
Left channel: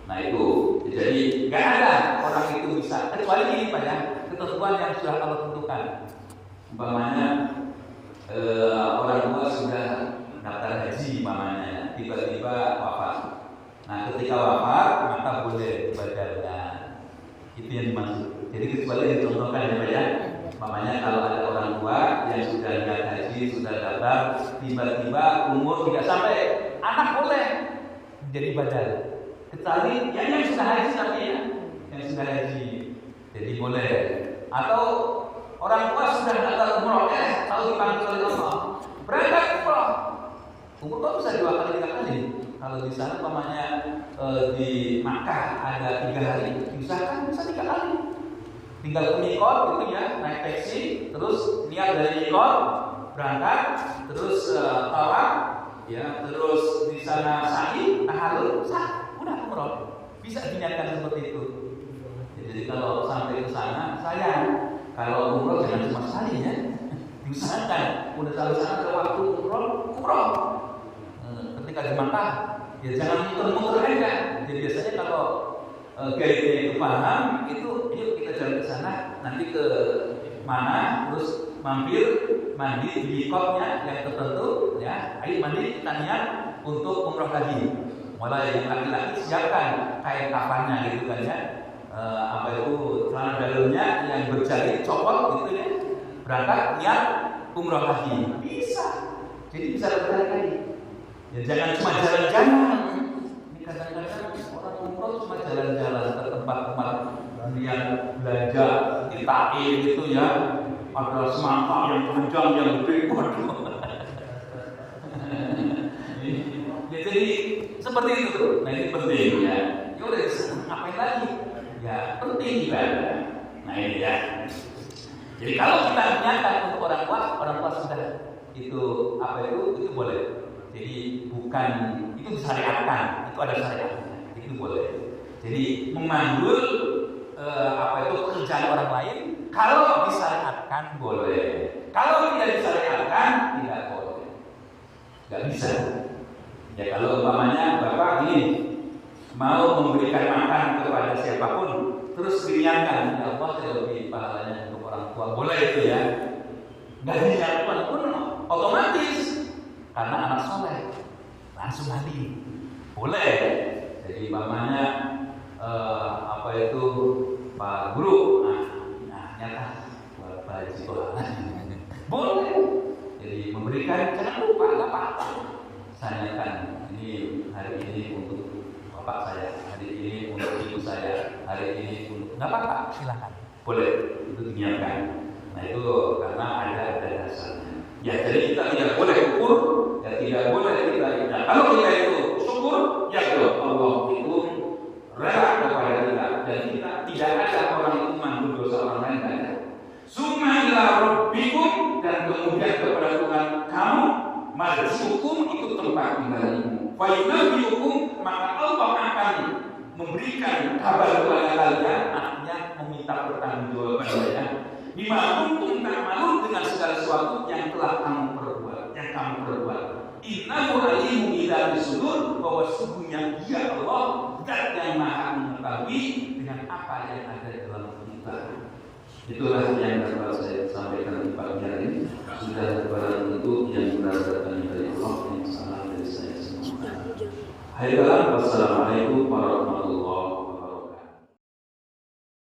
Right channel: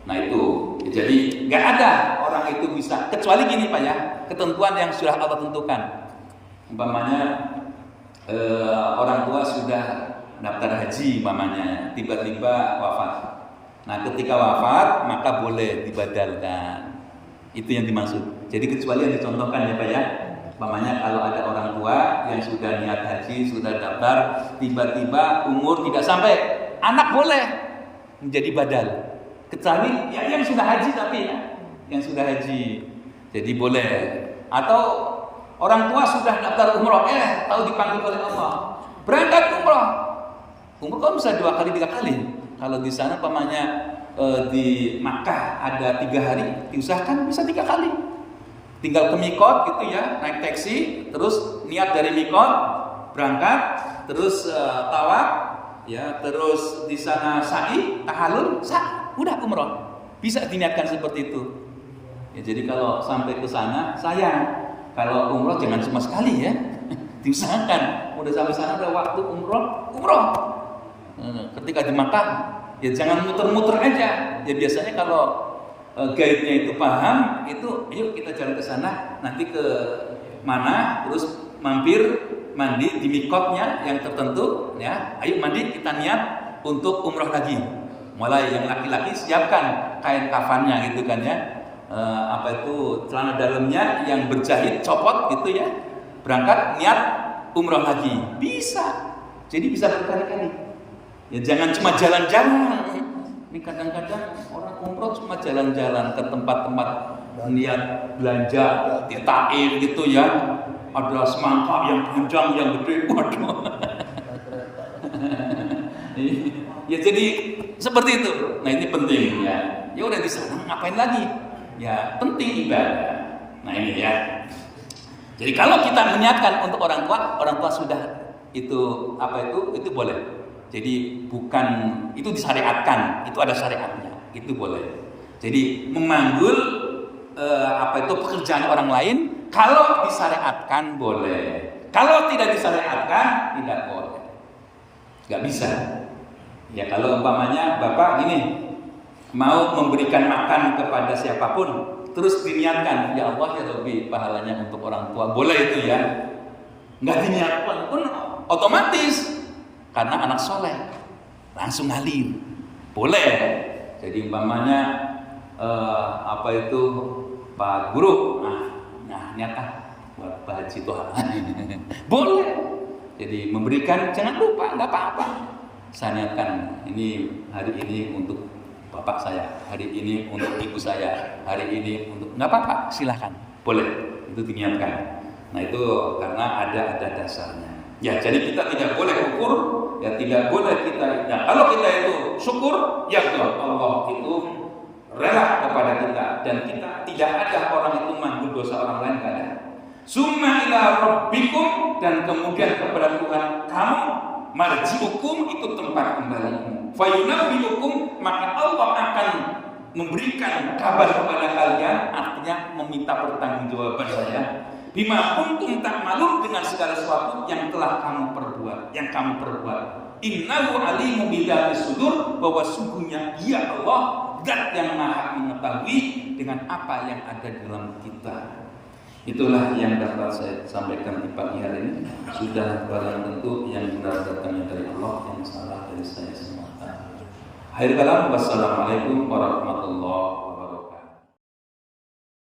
Nah itu, jadi nggak ada orang itu bisa, kecuali gini Pak ya, ketentuan yang sudah Allah tentukan. Umpamanya orang tua sudah daftar haji, umpamanya tiba-tiba wafat. Nah ketika wafat maka boleh dibadalkan. Itu yang dimaksud. Jadi kecuali yang dicontohkan ya Pak ya. Umpamanya kalau ada orang tua yang sudah niat haji, sudah daftar, tiba-tiba umur tidak sampai, anak boleh menjadi badal. Kecuali ya yang sudah haji tapi ya, yang sudah haji, jadi boleh. Atau orang tua sudah daftar umroh, kalau dipanggil oleh Allah, berangkat umroh kan bisa 2 kali 3 kali. Kalau di sana umpamanya di Makkah ada 3 hari, diusahakan bisa 3 kali. Tinggal ke mikot gitu ya, naik taksi, terus niat dari mikot berangkat, terus tawaf, ya, terus di sana sa'i, tahallul, udah umroh. Bisa diniatkan seperti itu. Ya, jadi kalau sampai ke sana, sayang. Kalau umroh jangan cuma sekali ya, diusahakan. Udah sampai sana ada waktu umroh. Ketika di Makkah, ya jangan muter-muter aja. Ya biasanya kalau guide-nya itu paham, itu yuk kita jalan ke sana, nanti ke mana, terus mampir mandi di mikotnya yang tertentu, ya. Ayo mandi, kita niat untuk umroh lagi. Mulai yang laki-laki siapkan kain kafannya gitu kan ya. Celana dalamnya yang berjahit copot gitu ya. Berangkat niat umroh lagi. Bisa. Jadi bisa berkali-kali. Ya jangan cuma jalan-jalan. Ini kadang-kadang orang umroh cuma jalan-jalan ke tempat-tempat niat belanja di Taif gitu ya. Ada semangka yang panjang yang gede, waduh. Ya jadi seperti itu. Nah ini penting ya. Ya udah bisa ngapain lagi? Ya penting ibadah. Nah ini ya. Jadi kalau kita niatkan untuk orang tua sudah itu itu boleh. Jadi bukan itu disyariatkan, itu ada syariatnya, itu boleh. Jadi memanggul pekerjaan orang lain kalau disyariatkan boleh. Kalau tidak disyariatkan tidak boleh. Nggak bisa. Ya kalau umpamanya Bapak ini mau memberikan makan kepada siapapun, terus diniatkan, ya Allah ya Rabbi pahalanya untuk orang tua, boleh itu ya. Nggak diniatkan pun otomatis karena anak soleh langsung ngalir, boleh. Jadi umpamanya Pak Guru, nah nyata buat Pak Haji Toha, boleh. Jadi memberikan jangan lupa, nggak apa-apa. Saya niatkan ini hari ini untuk bapak saya, hari ini untuk ibu saya, hari ini untuk nggak apa-apa, silahkan, boleh, itu diniatkan. Nah itu karena ada dasarnya. Ya jadi kita tidak boleh kufur, ya tidak boleh kita. Nah kalau kita itu syukur, ya Allah itu rela kepada kita dan kita tidak ada orang itu mengambil dosa orang lain, tidak ada. Summa ila rabbikum, dan kemudian kepada Tuhan kamu, marji'ukum, itu tempat kembalimu. Fayunabbi'ukum, maka Allah akan memberikan kabar kepada kalian, artinya meminta pertanggungjawaban ya. Bima kuntum ta'malun, dengan segala sesuatu yang telah kamu perbuat, Innahu alimun bidzati sudur, bahwa sungguhnya Dia Allah zat yang maha mengetahui dengan apa yang ada dalam kita. Itulah yang dapat saya sampaikan di pagi hari ini. Sudah barang tentu yang benar datangnya dari Allah, yang salah dari saya semua. Akhir kalam, wassalamualaikum warahmatullahi wabarakatuh.